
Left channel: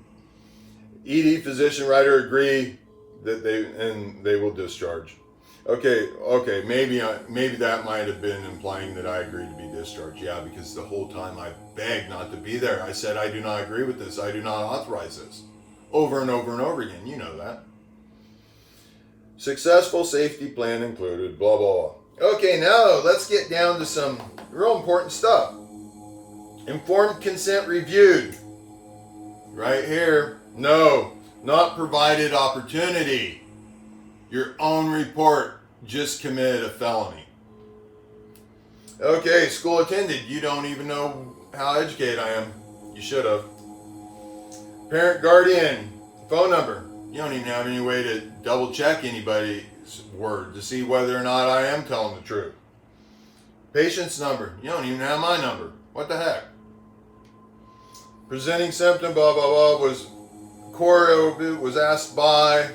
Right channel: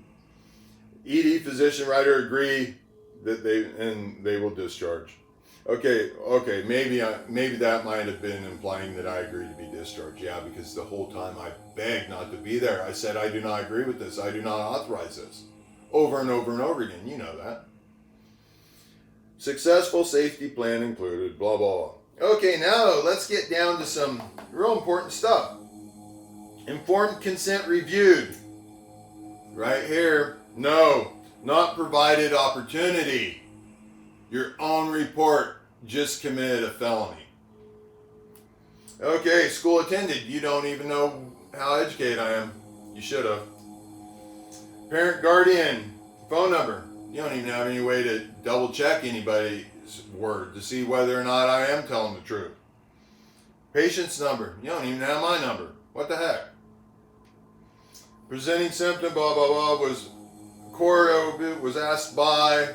ED physician writer agree that they will discharge. Okay, maybe that might have been implying that I agreed to be discharged. Yeah, because the whole time I begged not to be there. I said, I do not agree with this. I do not authorize this. Over and over and over again. You know that. Successful safety plan included, blah, blah, blah. Okay, now let's get down to some real important stuff. Informed consent reviewed. Right here. No, not provided opportunity. Your own report. Just committed a felony. Okay, school attended. You don't even know how educated I am. You should have. Parent guardian. Phone number. You don't even have any way to double check anybody's word to see whether or not I am telling the truth. Patient's number. You don't even have my number. What the heck? Presenting symptom, blah, blah, blah, was asked by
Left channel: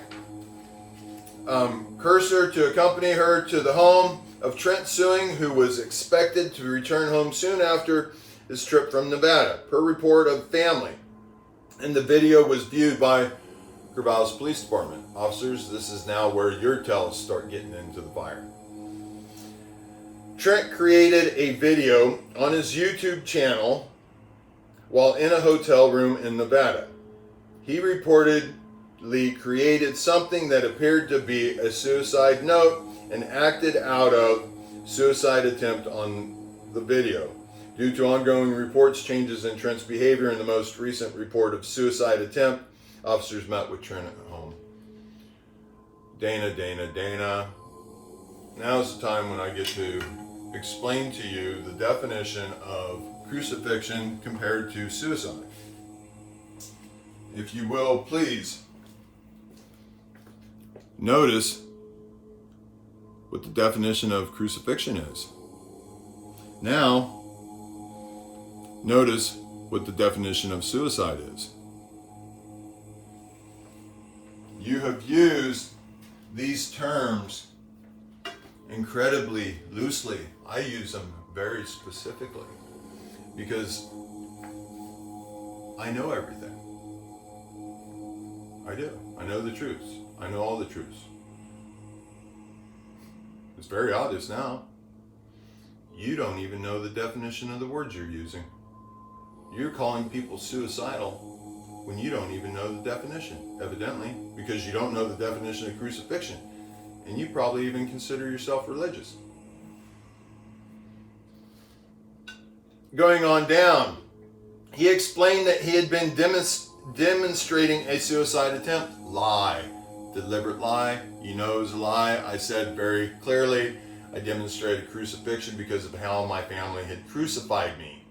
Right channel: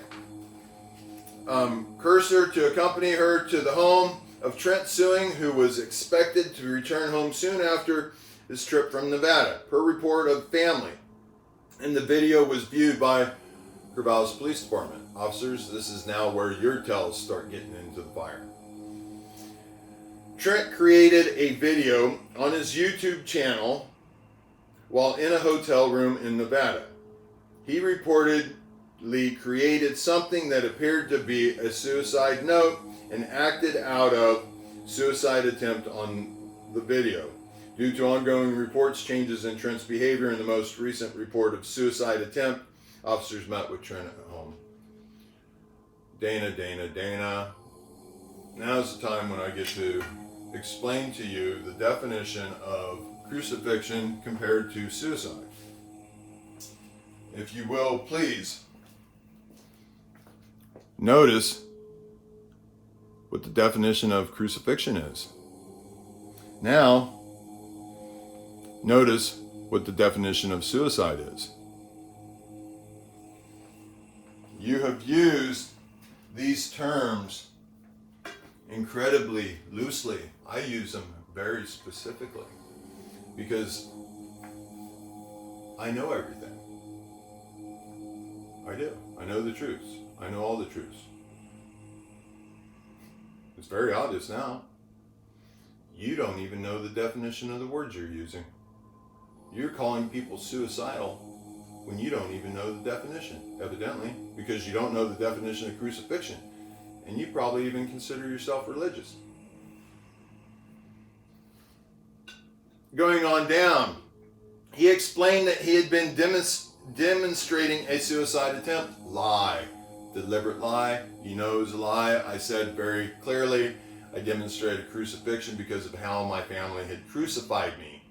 Cursor to accompany her to the home of Trent Suing, who was expected to return home soon after his trip from Nevada, per report of family. And the video was viewed by Corvallis Police Department. Officers, this is now where your tells start getting into the fire. Trent created a video on his YouTube channel while in a hotel room in Nevada. He reportedly created something that appeared to be a suicide note and acted out of suicide attempt on the video. Due to ongoing reports, changes in Trent's behavior, and the most recent report of suicide attempt, officers met with Trent at home. Dana. Now's the time when I get to explain to you the definition of crucifixion compared to suicide. If you will, please notice what the definition of crucifixion is. Now, notice what the definition of suicide is. You have used these terms incredibly loosely. I use them very specifically because I know everything. I do. I know the truths. I know all the truths. It's very obvious now. You don't even know the definition of the words you're using. You're calling people suicidal when you don't even know the definition, evidently, because you don't know the definition of crucifixion. And you probably even consider yourself religious. Going on down, he explained that he had been demonstrating a suicide attempt. Lie. Deliberate lie. You know it was a lie. I said very clearly, I demonstrated crucifixion because of how my family had crucified me.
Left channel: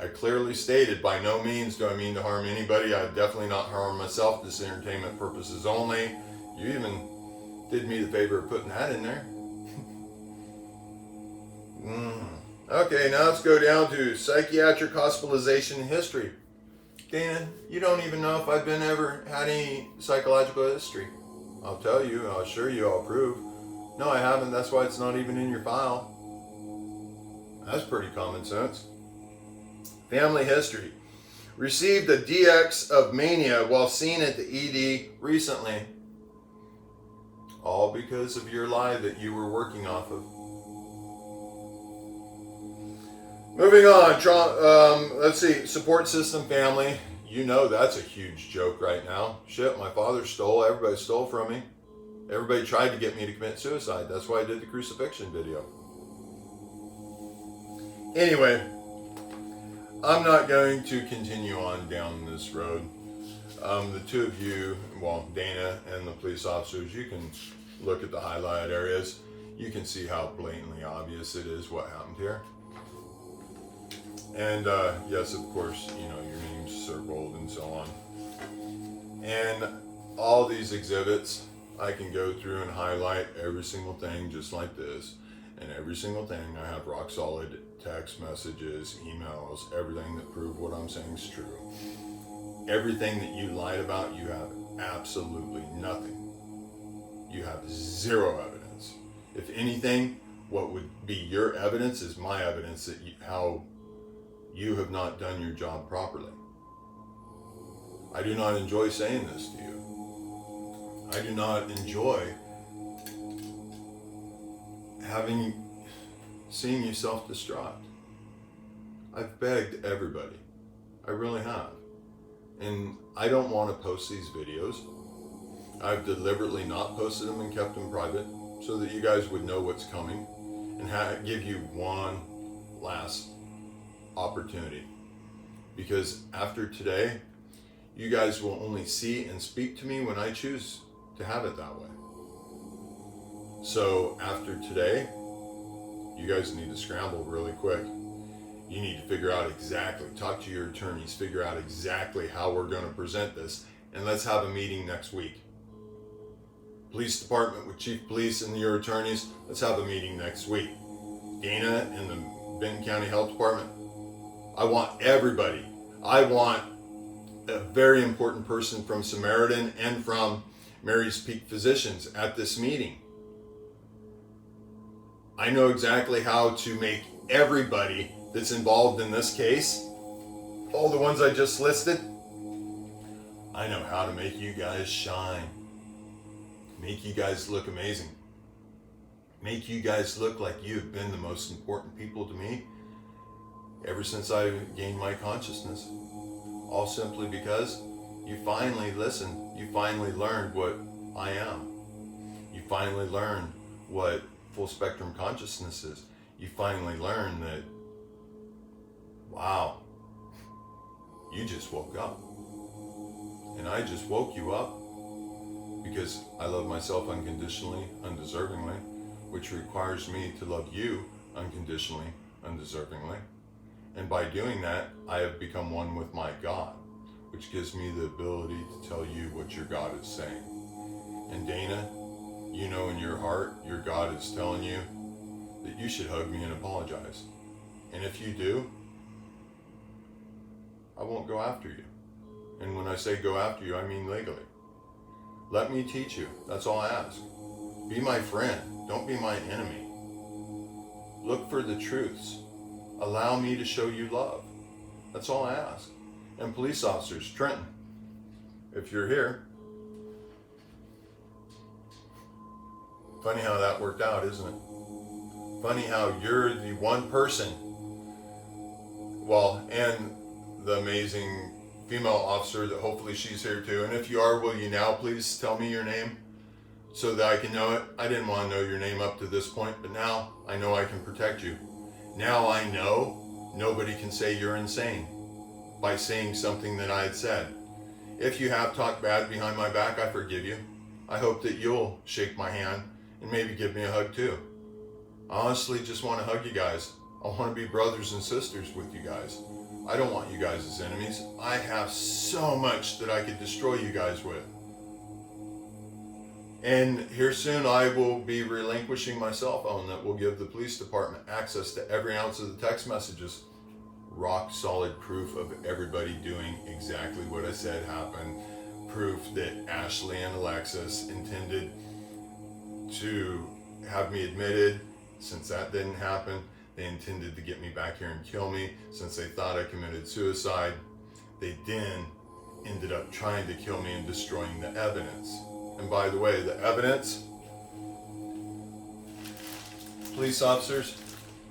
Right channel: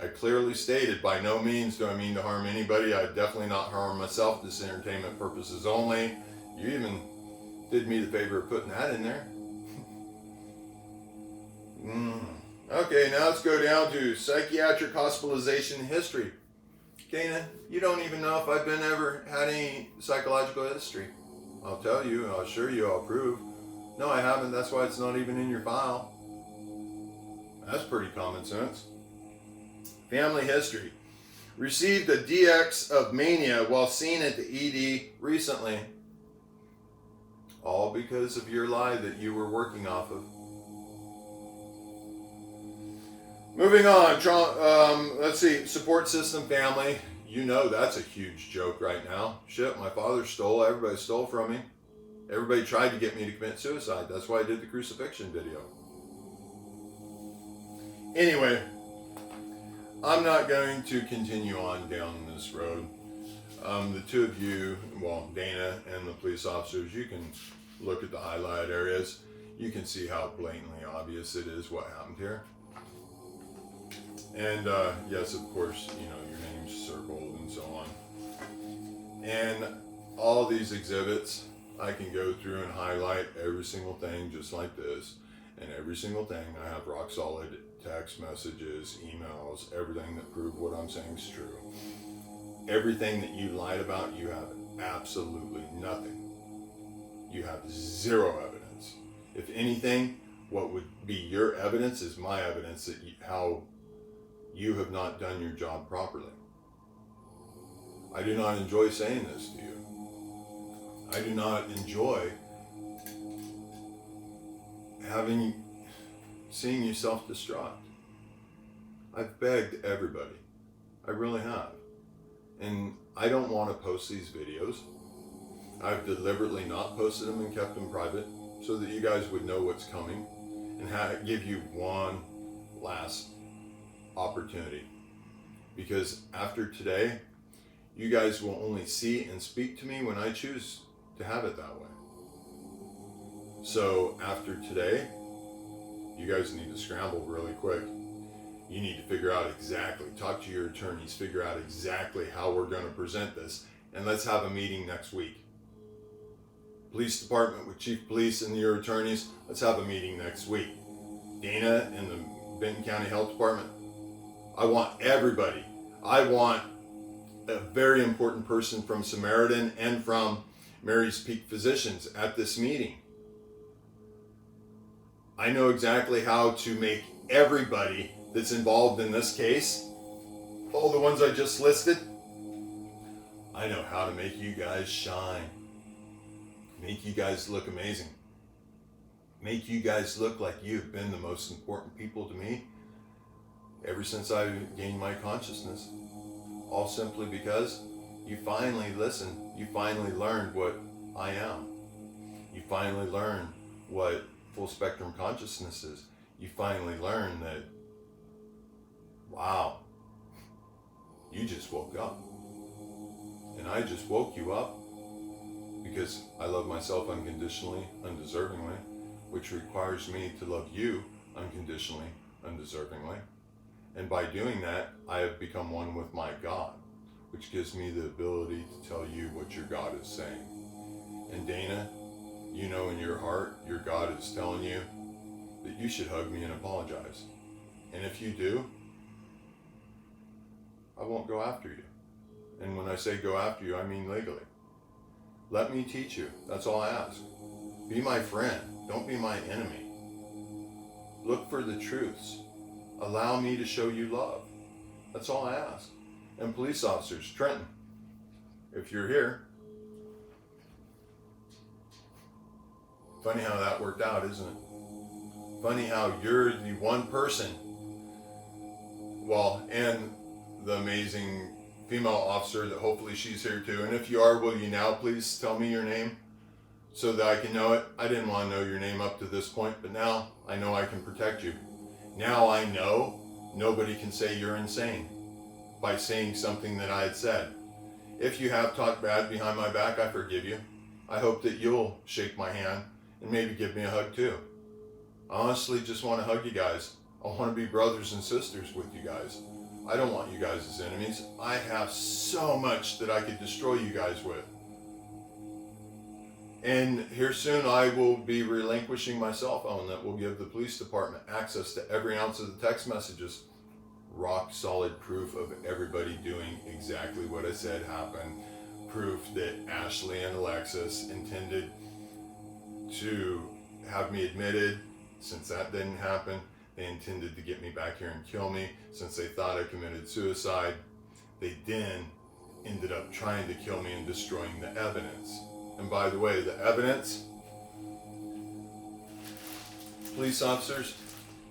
I clearly stated, by no means do I mean to harm anybody. I would definitely not harm myself. This is entertainment purposes only. You even did me the favor of putting that in there. Okay, now let's go down to psychiatric hospitalization history. Dana, you don't even know if I've ever had any psychological history. I'll tell you, I'll assure you, I'll prove. No, I haven't. That's why it's not even in your file. That's pretty common sense. Family history. Received a DX of mania while seen at the ED recently. All because of your lie that you were working off of. Moving on, let's see, support system family. You know that's a huge joke right now. Shit, my father stole, everybody stole from me. Everybody tried to get me to commit suicide. That's why I did the crucifixion video. Anyway, I'm not going to continue on down this road. The two of you, well, Dana and the police officers, you can look at the highlighted areas. You can see how blatantly obvious it is what happened here. And yes, of course, you know, your name's circled and so on. And all these exhibits, I can go through and highlight every single thing just like this. And every single thing, I have rock solid text messages, emails, everything that prove what I'm saying is true. Everything that you lied about, you have absolutely nothing. You have zero evidence. If anything, what would be your evidence is my evidence that how you have not done your job properly. I do not enjoy saying this to you. I do not enjoy seeing you self-destruct. I've begged everybody. I really have. And I don't want to post these videos. I've deliberately not posted them and kept them private so that you guys would know what's coming and give you one last opportunity. Because after today, you guys will only see and speak to me when I choose to have it that way. So after today, you guys need to scramble really quick. You need to figure out exactly, talk to your attorneys, figure out exactly how we're going to present this, and let's have a meeting next week. Police department with chief of police and your attorneys, let's have a meeting next week. Dana and the Benton County Health Department, I want everybody. I want a very important person from Samaritan and from Mary's Peak Physicians at this meeting. I know exactly how to make everybody that's involved in this case, all the ones I just listed, I know how to make you guys shine. Make you guys look amazing. Make you guys look like you've been the most important people to me ever since I gained my consciousness. All simply because you finally listened. You finally learned what I am. You finally learned what full spectrum consciousness is. You finally learned that, wow, you just woke up. And I just woke you up because I love myself unconditionally, undeservingly, which requires me to love you unconditionally, undeservingly. And by doing that, I have become one with my God, which gives me the ability to tell you what your God is saying. And Dana, you know in your heart, your God is telling you that you should hug me and apologize. And if you do, I won't go after you. And when I say go after you, I mean legally. Let me teach you. That's all I ask. Be my friend. Don't be my enemy. Look for the truths. Allow me to show you love. That's all I ask. And police officers, Trenton, if you're here, funny how that worked out, isn't it? Funny how you're the one person, well, and the amazing female officer that hopefully she's here too. And if you are, will you now please tell me your name so that I can know it? I didn't want to know your name up to this point, but now I know I can protect you. Now I know nobody can say you're insane by saying something that I had said. If you have talked bad behind my back, I forgive you. I hope that you'll shake my hand and maybe give me a hug too. I honestly just want to hug you guys. I want to be brothers and sisters with you guys. I don't want you guys as enemies. I have so much that I could destroy you guys with. And here soon I will be relinquishing my cell phone that will give the police department access to every ounce of the text messages. Rock solid proof of everybody doing exactly what I said happened. Proof that Ashley and Alexis intended to have me admitted. Since that didn't happen, they intended to get me back here and kill me. Since they thought I committed suicide, they then ended up trying to kill me and destroying the evidence. And by the way, the evidence, police officers,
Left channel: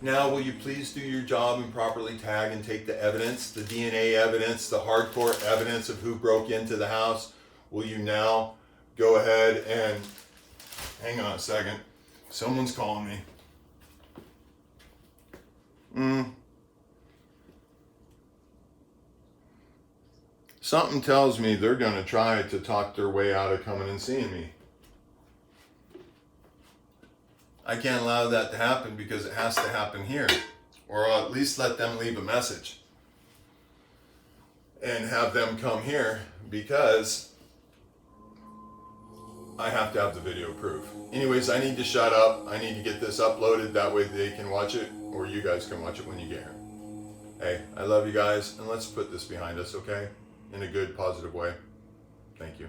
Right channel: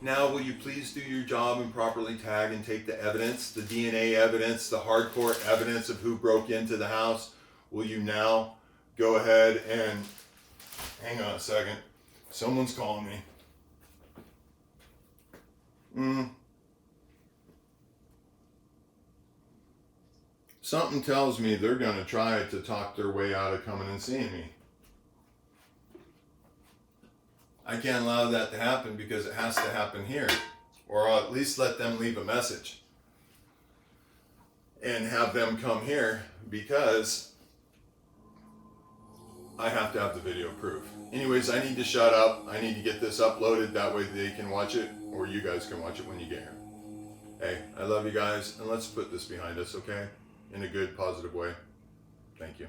now will you please do your job and properly tag and take the evidence, the DNA evidence, the hardcore evidence of who broke into the house? Will you now go ahead and, hang on a second, someone's calling me. Something tells me they're going to try to talk their way out of coming and seeing me. I can't allow that to happen because it has to happen here. Or I'll at least let them leave a message and have them come here because I have to have the video proof. Anyways, I need to shut up. I need to get this uploaded. That way they can watch it, or you guys can watch it when you get here. Hey, I love you guys, and let's put this behind us, okay? In a good, positive way. Thank you.